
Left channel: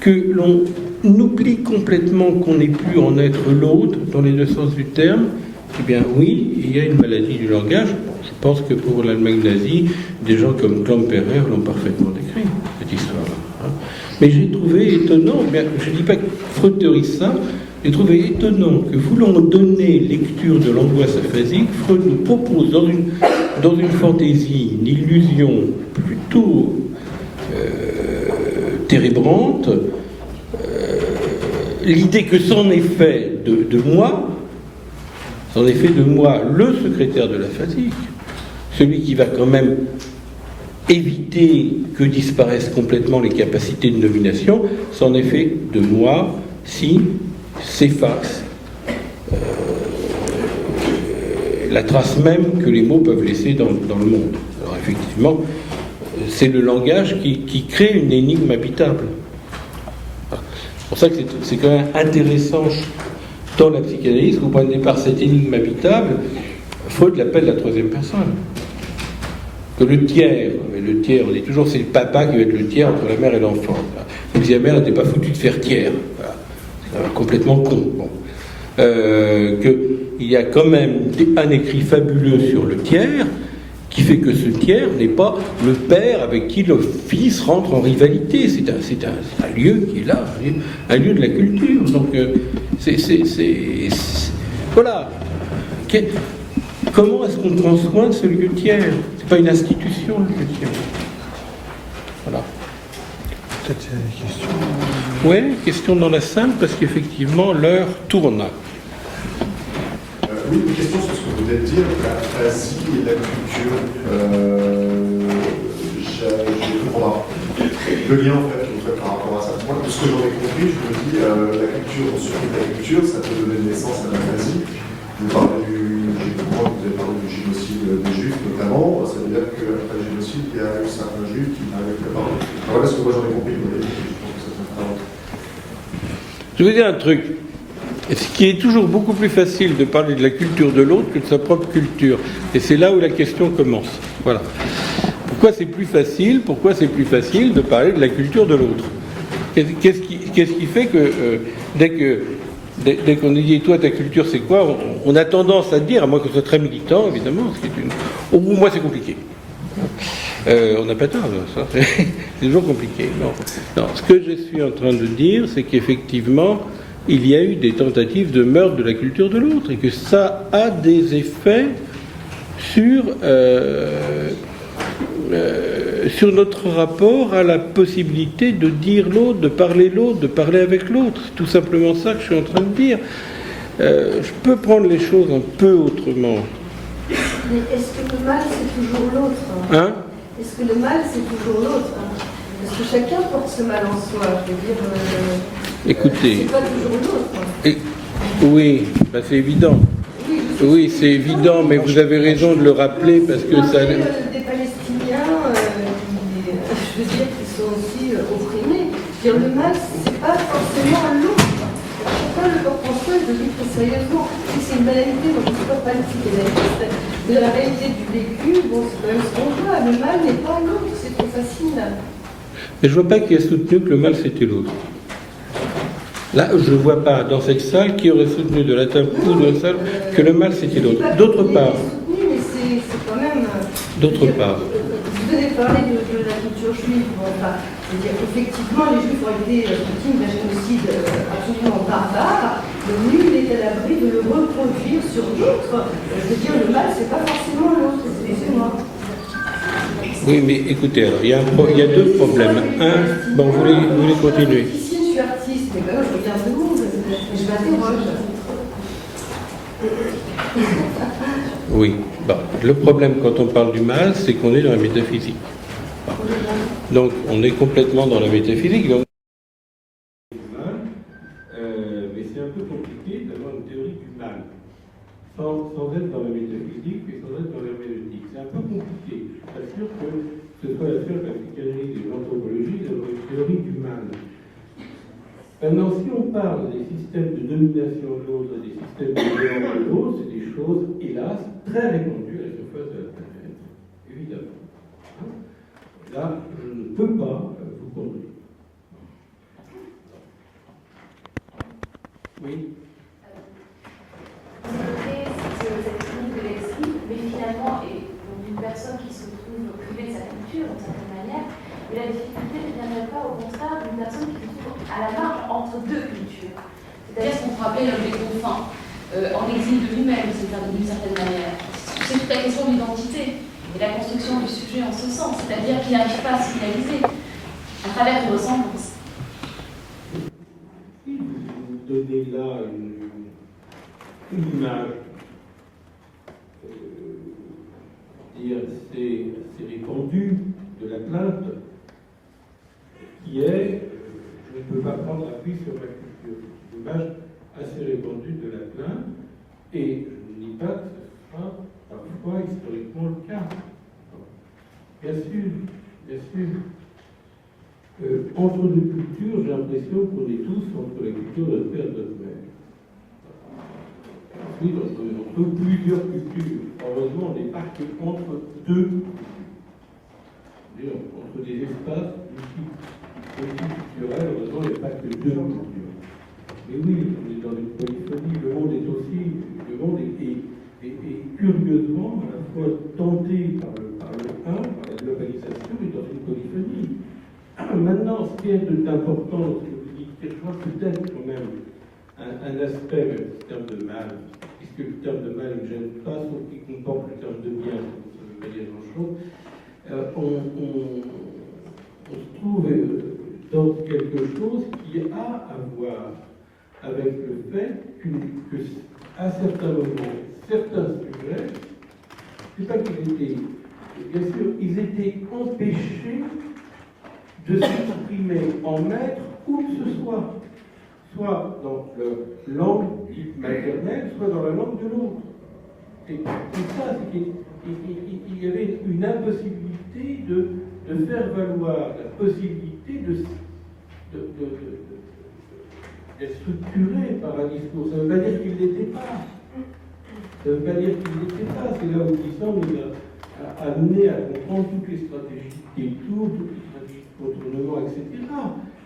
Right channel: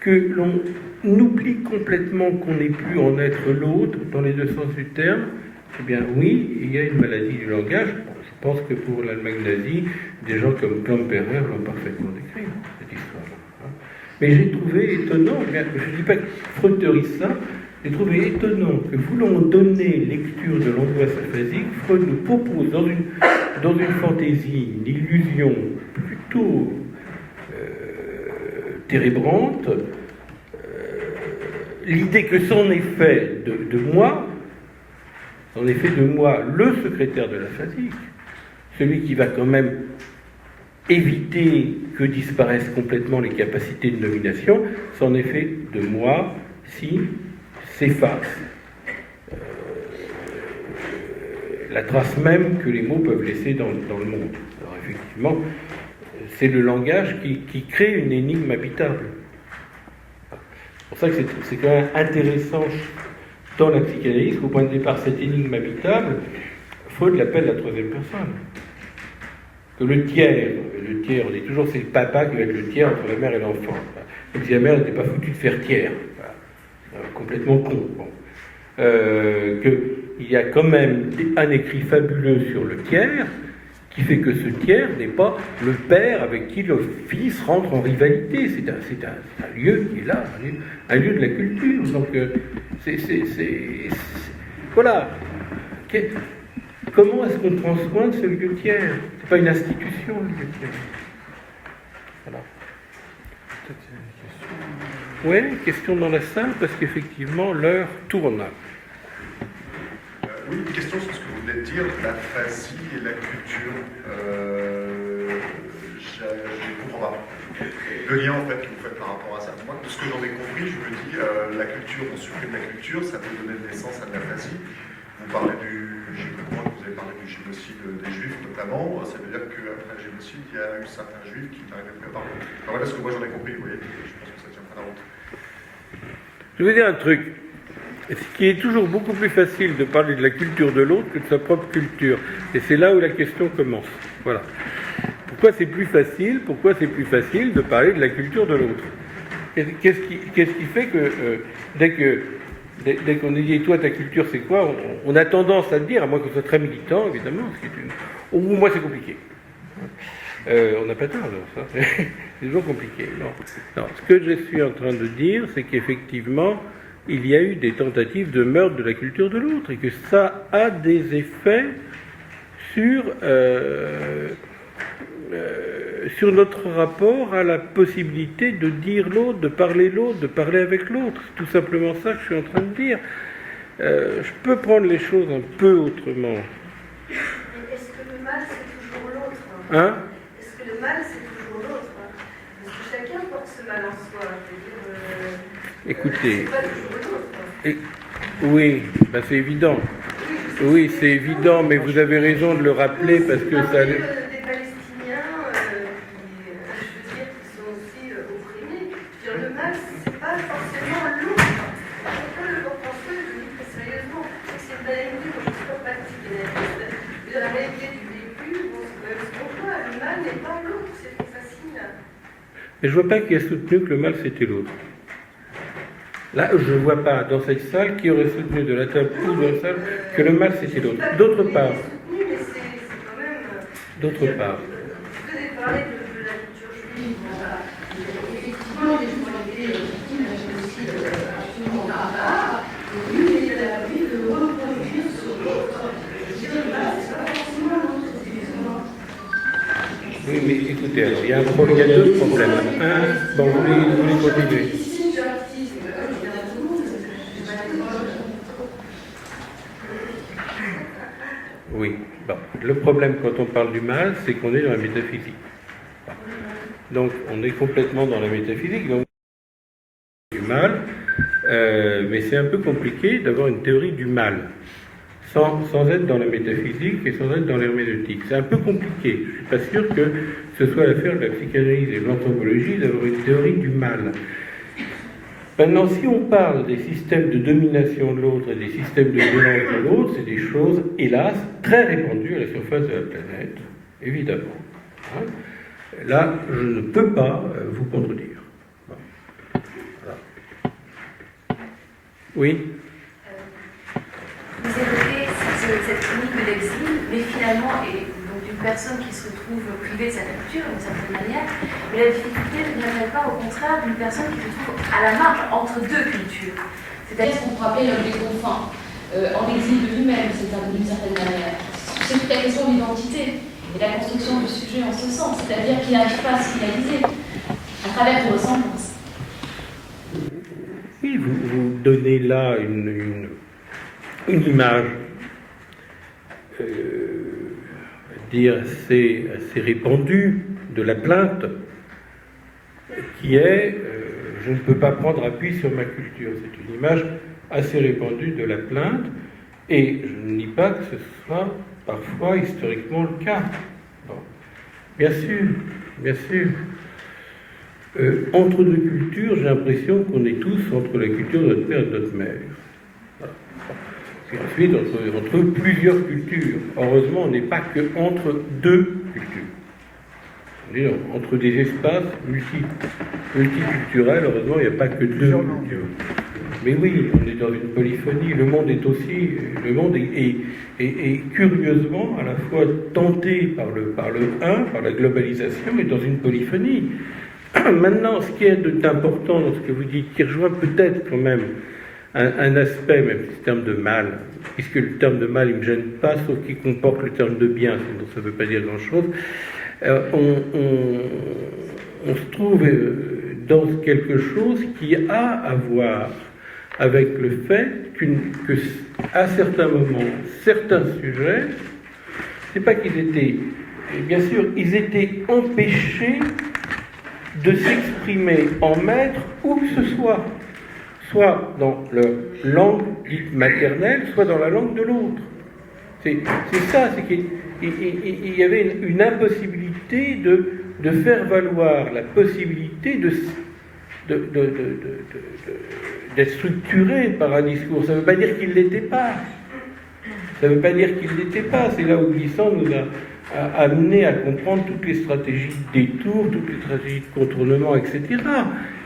que l'on oublie complètement qu'on n'ait pu en être l'autre, dans les deux sens du terme, eh bien oui, il y a une maladie du langage. Je pense que pour l'Allemagne nazie, des gens comme Klemperer l'ont parfaitement décrit, cette histoire-là. Mais j'ai trouvé étonnant, je ne dis pas que Freud théorise ça, j'ai trouvé étonnant que, voulant donner lecture de l'angoisse aphasique, Freud nous propose dans une fantaisie, une illusion plutôt térébrante, l'idée que c'en est fait de moi, le secrétaire de l'aphasique, celui qui va quand même éviter que disparaissent complètement les capacités de nomination, c'en est fait de moi si s'efface la trace même que les mots peuvent laisser dans le monde. Alors effectivement, c'est le langage qui crée une énigme habitable. C'est pour ça que c'est quand même intéressant dans la psychanalyse, au point de départ, cette énigme habitable, Freud l'appelle la troisième personne. Que le tiers, on est toujours, c'est le papa qui va être le tiers entre la mère et l'enfant. Comme si la mère n'était pas foutue de faire tiers. Voilà. C'est complètement con. Bon. Qu'il y a quand même un écrit fabuleux sur le tiers, qui fait que ce tiers n'est pas le père avec qui le fils rentre en rivalité. C'est un lieu qui est là, un lieu de la culture. Donc, voilà. Comment est-ce qu'on prend soin de ce lieu tiers? C'est pas une institution, le lieu tiers. Voilà. Peut-être une question. Oui, question dans la salle, parce qu'effectivement, l'heure tourne. Oui, une question sur ce que vous venez de dire, l'aphasie et la culture. Je comprends pas. Le lien, en fait, que vous faites par rapport à ça. Moi, de ce que j'en ai compris, je me dis, la culture, on supprime la culture, ça peut donner naissance à l'aphasie. Vous parlez vous avez parlé du génocide des Juifs, notamment. Ça veut dire qu'après le génocide, il y a eu certains Juifs qui n'arrivaient plus à parler. Alors voilà ce que moi j'en ai compris, vous voyez. Je vais dire un truc. Ce qui est toujours beaucoup plus facile de parler de la culture de l'autre que de sa propre culture. Et c'est là où la question commence. Voilà. Pourquoi c'est plus facile de parler de la culture de l'autre? Qu'est-ce qui fait que dès qu'on dit toi ta culture c'est quoi, on a tendance à dire, à moins qu'on soit très militant évidemment, au bout moi c'est compliqué. On n'a pas tort, ça, c'est toujours compliqué. Non, ce que je suis en train de dire, c'est qu'effectivement, il y a eu des tentatives de meurtre de la culture de l'autre, et que ça a des effets sur notre rapport à la possibilité de dire l'autre, de parler avec l'autre. C'est tout simplement ça que je suis en train de dire. Je peux prendre les choses un peu autrement. Mais est-ce que le mal, c'est toujours l'autre? Hein? Est-ce que le mal, c'est toujours l'autre? Parce que chacun porte ce mal en soi. Je veux dire, Écoutez, c'est pas toujours l'autre. oui, ben c'est évident. Oui, c'est évident, mais vous avez raison de le rappeler parce que ça... Des Palestiniens, je veux dire, qui sont aussi opprimés. Dire le mal, c'est pas forcément à l'autre. Chacun le porte en soi, je le dis très sérieusement. Si c'est une banalité, moi je ne suis pas pas psychanalyste, mais la réalité du vécu, bon, c'est quand même ce qu'on voit. Le mal n'est pas l'autre, c'est trop facile. Mais je ne vois pas qui a soutenu que le mal c'était l'autre. Là, je ne vois pas dans cette salle qui aurait soutenu de la table ou de la salle que le mal c'était l'autre. D'autre part, Mais c'est quand même. d'autre part, Vous avez parlé de la culture juive. Bon, bah, effectivement, les juifs ont été victimes d'un génocide absolument barbare. Donc, nul n'est à l'abri de le reproduire sur d'autres. Je veux dire, le mal, c'est pas forcément l'autre, excusez-moi. oui, mais écoutez, alors, il y a deux problèmes. Un, bon, vous voulez continuer. Ici, je suis artiste, mais quand même, je regarde le monde, je m'interroge. Oui, bon, le problème quand on parle du mal, c'est qu'on est dans la métaphysique. Bon. Donc, on est complètement dans la métaphysique. Donc, du mal, mais c'est un peu compliqué d'avoir une théorie du mal sans être dans la métaphysique et sans être dans l'herméneutique. C'est un peu compliqué. Je ne suis pas sûr que ce soit l'affaire de la psychanalyse et de l'anthropologie d'avoir une théorie du mal. Maintenant, si on parle des systèmes de domination de l'autre et des systèmes de violence de l'autre, c'est des choses, hélas, très répandues à la surface de la planète, évidemment. Hein? Là, je ne peux pas vous contredire. Bon. Voilà. Oui. Vous évoquez cette clinique de l'exil, mais finalement, et donc d'une personne qui se retrouve privée de sa culture, d'une certaine manière, mais la difficulté ne viendrait pas au contraire d'une personne qui se trouve à la marge entre deux cultures. C'est-à-dire ce qu'on pourrait appeler l'homme des confins, en exil de lui-même, d'une certaine manière. C'est toute la question de l'identité et la construction du sujet en ce sens, c'est-à-dire qu'il n'arrive pas à se réaliser à travers une ressemblance. Oui, vous donnez là une image assez répandue de la plainte qui est je ne peux pas prendre appui sur ma culture. C'est une image assez répandue de la plainte et je ne nie pas que ce soit parfois historiquement le cas. Bon. Bien sûr, bien sûr. Entre deux cultures, j'ai l'impression qu'on est tous entre la culture de notre père et de notre mère. Et ensuite, entre plusieurs cultures. Heureusement, on n'est pas que entre deux cultures. On est entre des espaces multiculturels. Heureusement, il n'y a pas que deux cultures. Mais oui, on est dans une polyphonie. Le monde est aussi, le monde est curieusement à la fois tenté par la globalisation, et dans une polyphonie. Maintenant, ce qui est d'important dans ce que vous dites, qui rejoint peut-être quand même un aspect, même ce terme de mal, puisque le terme de mal, il ne me gêne pas, sauf qu'il comporte le terme de bien, sinon ça ne veut pas dire grand-chose, on se trouve dans quelque chose qui a à voir avec le fait qu'à certains moments, certains sujets, c'est pas qu'ils étaient, bien sûr, ils étaient empêchés de s'exprimer en maître où que ce soit dans leur langue dite maternelle, soit dans la langue de l'autre. C'est ça, c'est qu'il y avait une impossibilité de faire valoir la possibilité d'être structuré par un discours. Ça ne veut pas dire qu'il ne l'était pas. Ça ne veut pas dire qu'il ne l'était pas. C'est là où Glissant nous a amené à comprendre toutes les stratégies de détour, toutes les stratégies de contournement, etc.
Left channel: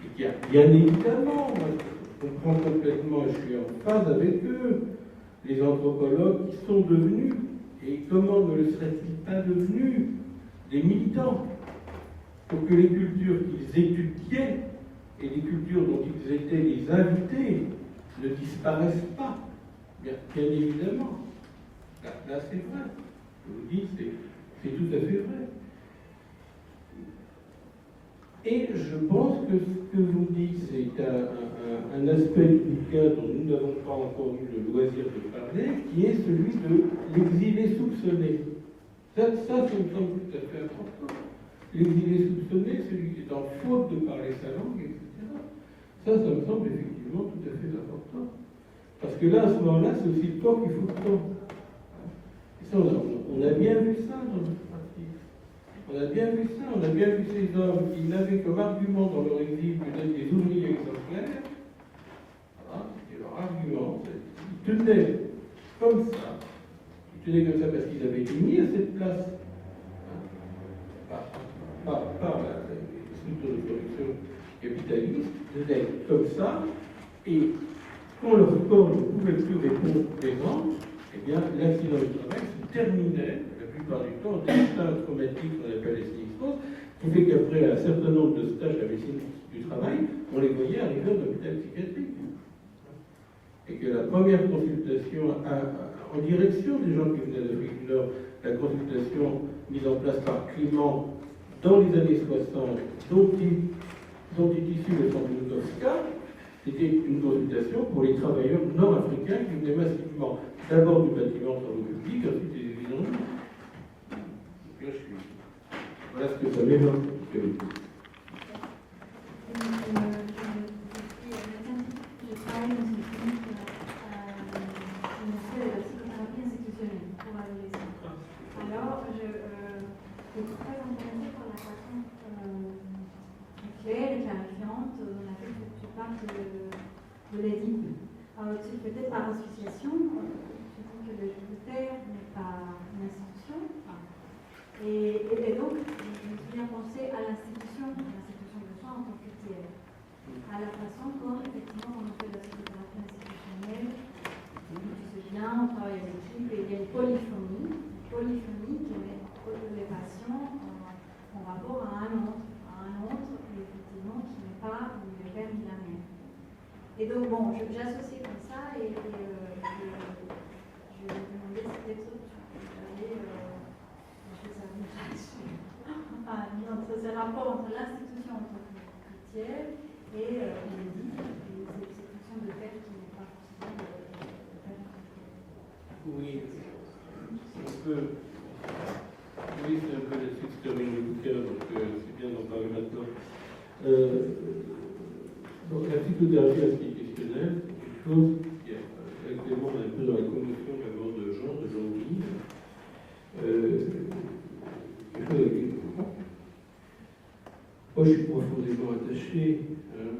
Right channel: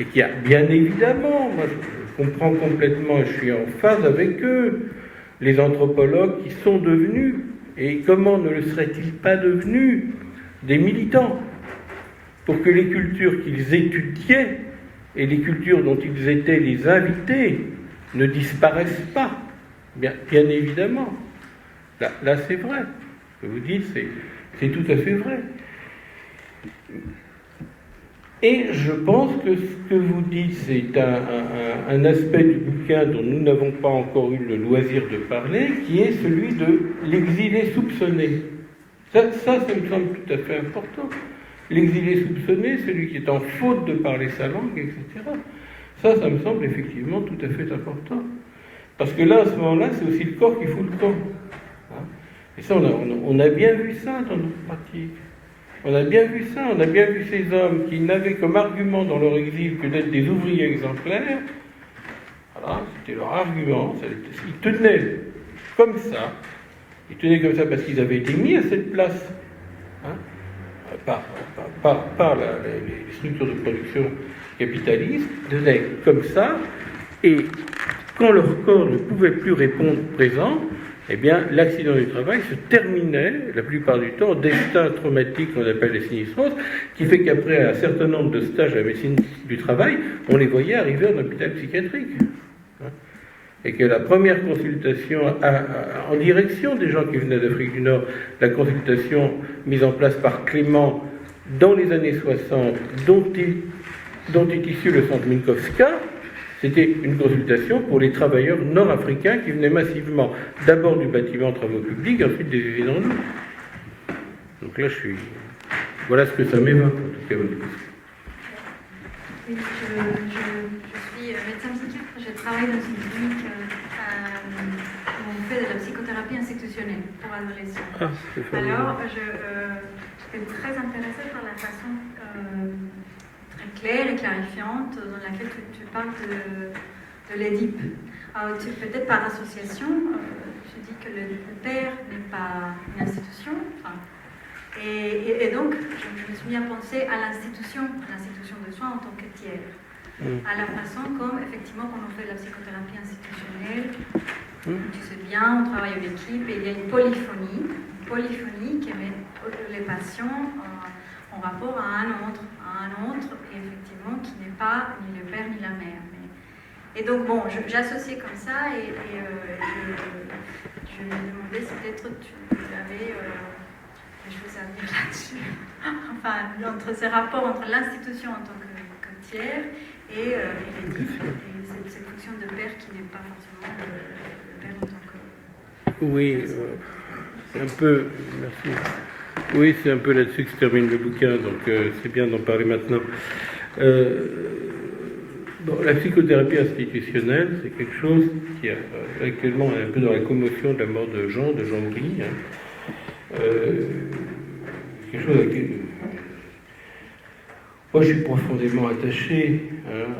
Et qu'il y a bien évidemment, moi je comprends complètement, je suis en phase avec eux, les anthropologues qui sont devenus, et comment ne le seraient-ils pas devenus, des militants, pour que les cultures qu'ils étudiaient et les cultures dont ils étaient les invités ne disparaissent pas. Bien évidemment. Là c'est vrai. Ce que vous dites, c'est tout à fait vrai. Et je pense que ce que vous dites, c'est un aspect du bouquin dont nous n'avons pas encore eu le loisir de parler, qui est celui de l'exilé soupçonné. Ça me semble tout à fait important. L'exilé soupçonné, celui qui est en faute de parler sa langue, etc. Ça me semble effectivement tout à fait important. Parce que là, à ce moment-là, c'est aussi le corps qui fout le camp. Et ça, on a bien vu ça dans notre pratique. On a bien vu ça, on a bien vu ces hommes qui n'avaient comme argument dans leur exil que d'être des ouvriers exemplaires. Voilà, c'était leur argument. Ils tenaient comme ça. Ils tenaient comme ça parce qu'ils avaient été mis à cette place. Par les structures de production capitalistes, ils tenaient comme ça. Et quand leur corps ne pouvait plus répondre présent, eh bien, l'accident du travail se terminait, la plupart du temps, au destin traumatique qu'on appelle les sinistroses, qui fait qu'après un certain nombre de stages à la médecine du travail, on les voyait arriver en hôpital psychiatrique. Et que la première consultation en direction des gens qui venaient d'Afrique du Nord, la consultation mise en place par Clément dans les années 60, dont est issu le centre Minkowska, c'était une consultation pour les travailleurs nord-africains qui venaient massivement, d'abord du bâtiment travaux publics, ensuite des usines en eau. Donc là, voilà ce que ça m'évoque, en tout cas. Oui, je suis médecin psychiatre, je travaille dans une clinique où on fait de la psychothérapie institutionnelle pour adolescents. Alors, je suis très intéressée par la façon très claire et clarifiante dans laquelle tu parles de l'Édipe. Peut-être par association, je dis que le père n'est pas une institution. Et donc, je me suis mis à penser à l'institution de soins en tant que tiers. À la façon comme, effectivement, quand on fait de la psychothérapie institutionnelle, tu sais bien, on travaille en équipe et il y a une polyphonie qui met les patients en rapport à un autre, et effectivement, qui n'est pas ni le père ni la mère. Et donc, bon, j'associais comme ça et je me demandais si peut-être tu avais des choses à dire là-dessus. Enfin, entre ces rapports entre l'institution en tant que tiers et cette fonction de père qui n'est pas forcément le père en tant que... Oui, c'est un peu... Merci. Oui, c'est un peu là-dessus que se termine le bouquin, donc c'est bien d'en parler maintenant. La psychothérapie institutionnelle, c'est quelque chose qui actuellement est un peu dans la commotion de la mort de Jean-Louis. Quelque chose à laquelle moi je suis profondément attaché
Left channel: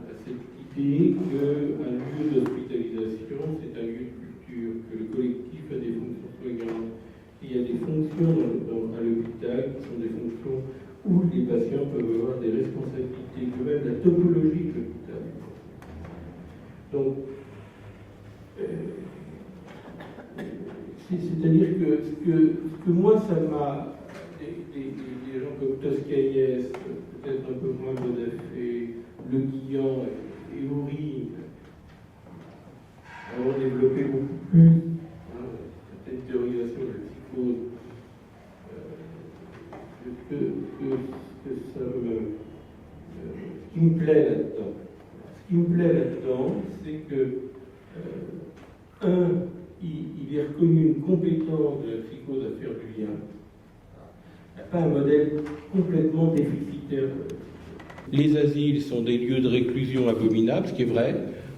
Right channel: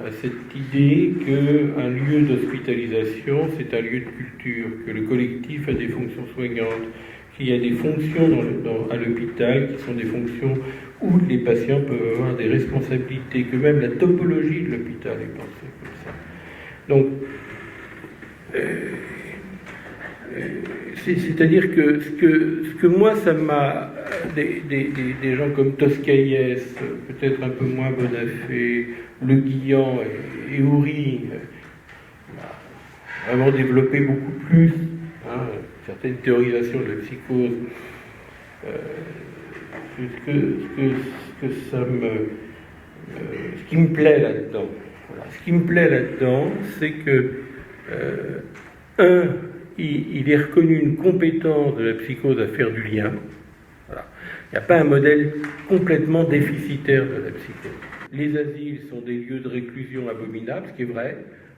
à cette idée qu'un lieu d'hospitalisation, c'est un lieu de culture, que le collectif a des fonctions soignantes, qu'il y a des fonctions à l'hôpital qui sont des fonctions où les patients peuvent avoir des responsabilités, que même la topologie de l'hôpital est pensée comme ça. Donc, c'est-à-dire que ce que moi, ça m'a... Des gens comme Toscaïès, peut-être un peu moins Bonafé, Le Guillan et Houry, vraiment développé beaucoup plus, certaines théorisations de la psychose. Ce qui me plaît là-dedans, c'est que il est reconnu une compétence de la psychose à faire du lien. Voilà. Il n'y a pas un modèle complètement déficitaire de la psychose. Les asiles sont des lieux de réclusion abominables, ce qui est vrai.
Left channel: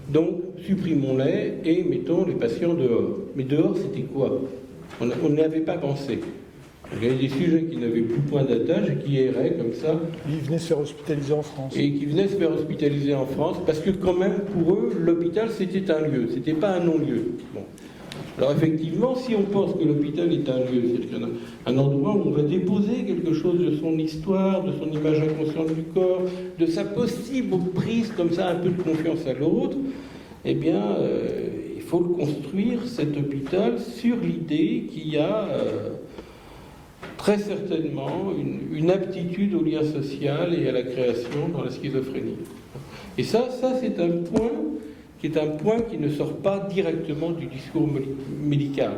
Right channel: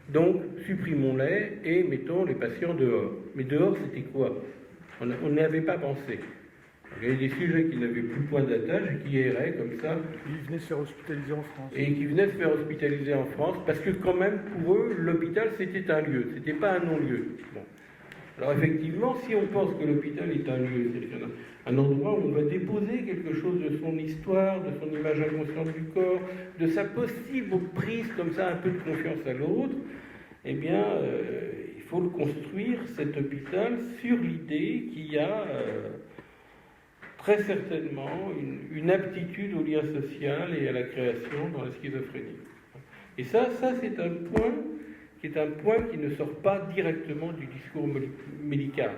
Donc, supprimons-les et mettons les patients dehors. Mais dehors, c'était quoi? On n'y avait pas pensé. Il y avait des sujets qui n'avaient plus point d'attache et qui erraient comme ça. Ils venaient se faire hospitaliser en France. Et qui venaient se faire hospitaliser en France, parce que quand même, pour eux, l'hôpital, c'était un lieu, c'était pas un non-lieu. Bon. Alors effectivement, si on pense que l'hôpital est un lieu, c'est un endroit où on va déposer quelque chose de son histoire, de son image inconsciente du corps, de sa possible prise comme ça, un peu de confiance à l'autre, eh bien, il faut le construire, cet hôpital, sur l'idée qu'il y a très certainement une aptitude au lien social et à la création dans la schizophrénie. Et ça c'est un point qui ne sort pas directement du discours médical.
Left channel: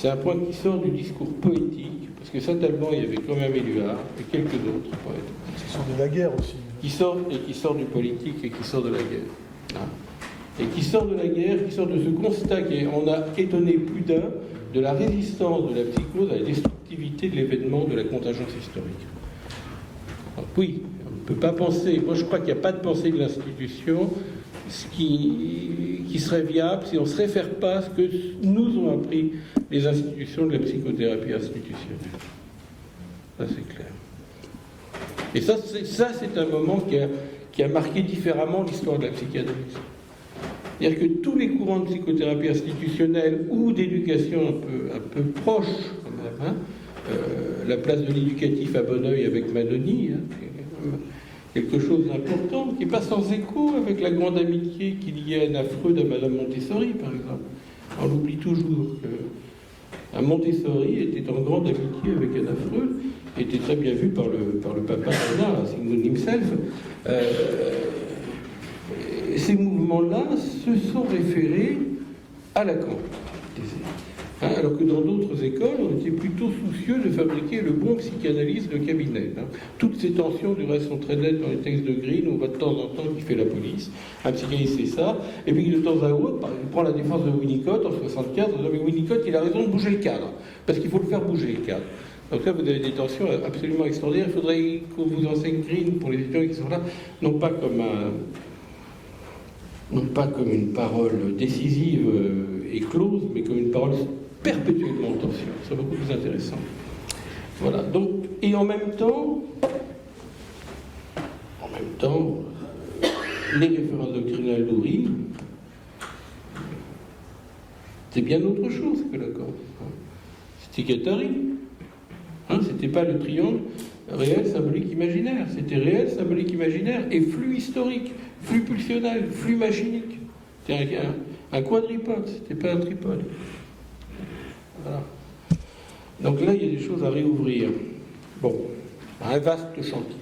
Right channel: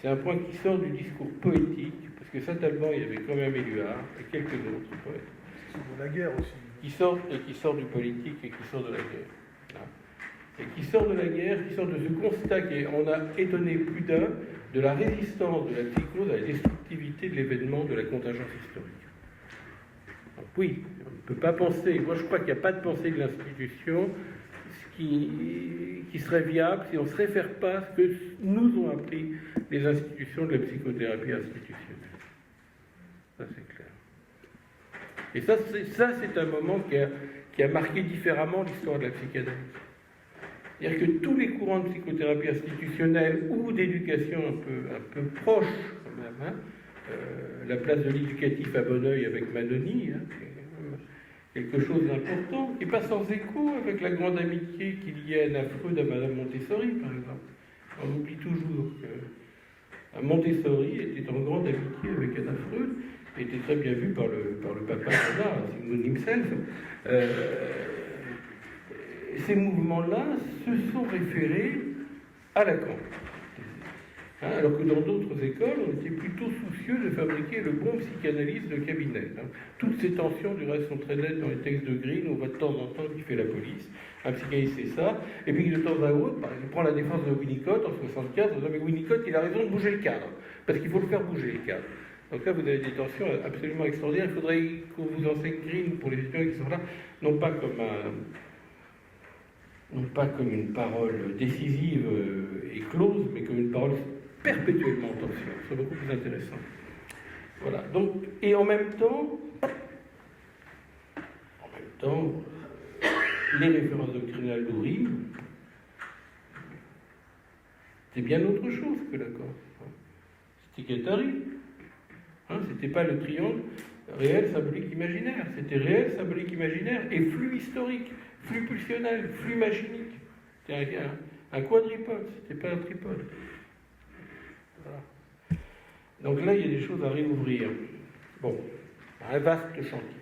C'est un point qui sort du discours poétique, parce que Saint-Alban, il y avait quand même Éluard et quelques autres poètes. C'est sur de la guerre aussi. Qui sort du politique et qui sort de la guerre. Hein. Et qui sort de la guerre, qui sort de ce constat qu'on a étonné plus d'un de la résistance de la psychose à la destructivité de l'événement, de la contingence historique. Donc, oui, on ne peut pas penser, moi je crois qu'il n'y a pas de pensée de l'institution qui serait viable si on ne se réfère pas à ce que nous ont appris les institutions de la psychothérapie institutionnelle. Ça c'est clair. Et ça c'est un moment qui a marqué différemment l'histoire de la psychanalyse. C'est-à-dire que tous les courants de psychothérapie institutionnelle ou d'éducation un peu proches, quand même, hein, la place de l'éducatif à Bonneuil avec Manoni, hein, quelque chose d'important, qui n'est pas sans écho avec la grande amitié qu'il y a à Freud à Madame Montessori, par exemple. On oublie toujours que Montessori était en grande amitié avec Anna Freud, était très bien vu par le papa Sigmund himself. Ces mouvements-là se sont référés à Lacan. Hein, alors que dans d'autres écoles, on était plutôt soucieux de fabriquer le bon psychanalyste de cabinet. Hein. Toutes ces tensions, du reste, sont très nettes dans les textes de Green, on voit de temps en temps qui fait la police. Un psychanalyste, c'est ça. Et puis de temps à autre, par exemple, il prend la défense de Winnicott en 1975, on dit mais Winnicott, il a raison de bouger le cadre, parce qu'il faut le faire bouger le cadre. Donc là, vous avez des tensions absolument extraordinaires. Il faudrait qu'on vous enseigne Green, pour les étudiants qui sont là, non pas comme une parole décisive et close, mais comme une parole perpétuellement en tension. C'est beaucoup plus intéressant. Voilà. Donc, et en même temps, les références doctrinales d'Oury, c'est bien autre chose que Lacan. C'était Guattari. Hein, c'était pas le triangle réel, symbolique, imaginaire. C'était réel, symbolique, imaginaire et flux historique, flux pulsionnel, flux machinique. C'était un quadripode, c'était pas un tripode. Voilà. Donc là, il y a des choses à réouvrir. Bon, un vaste chantier.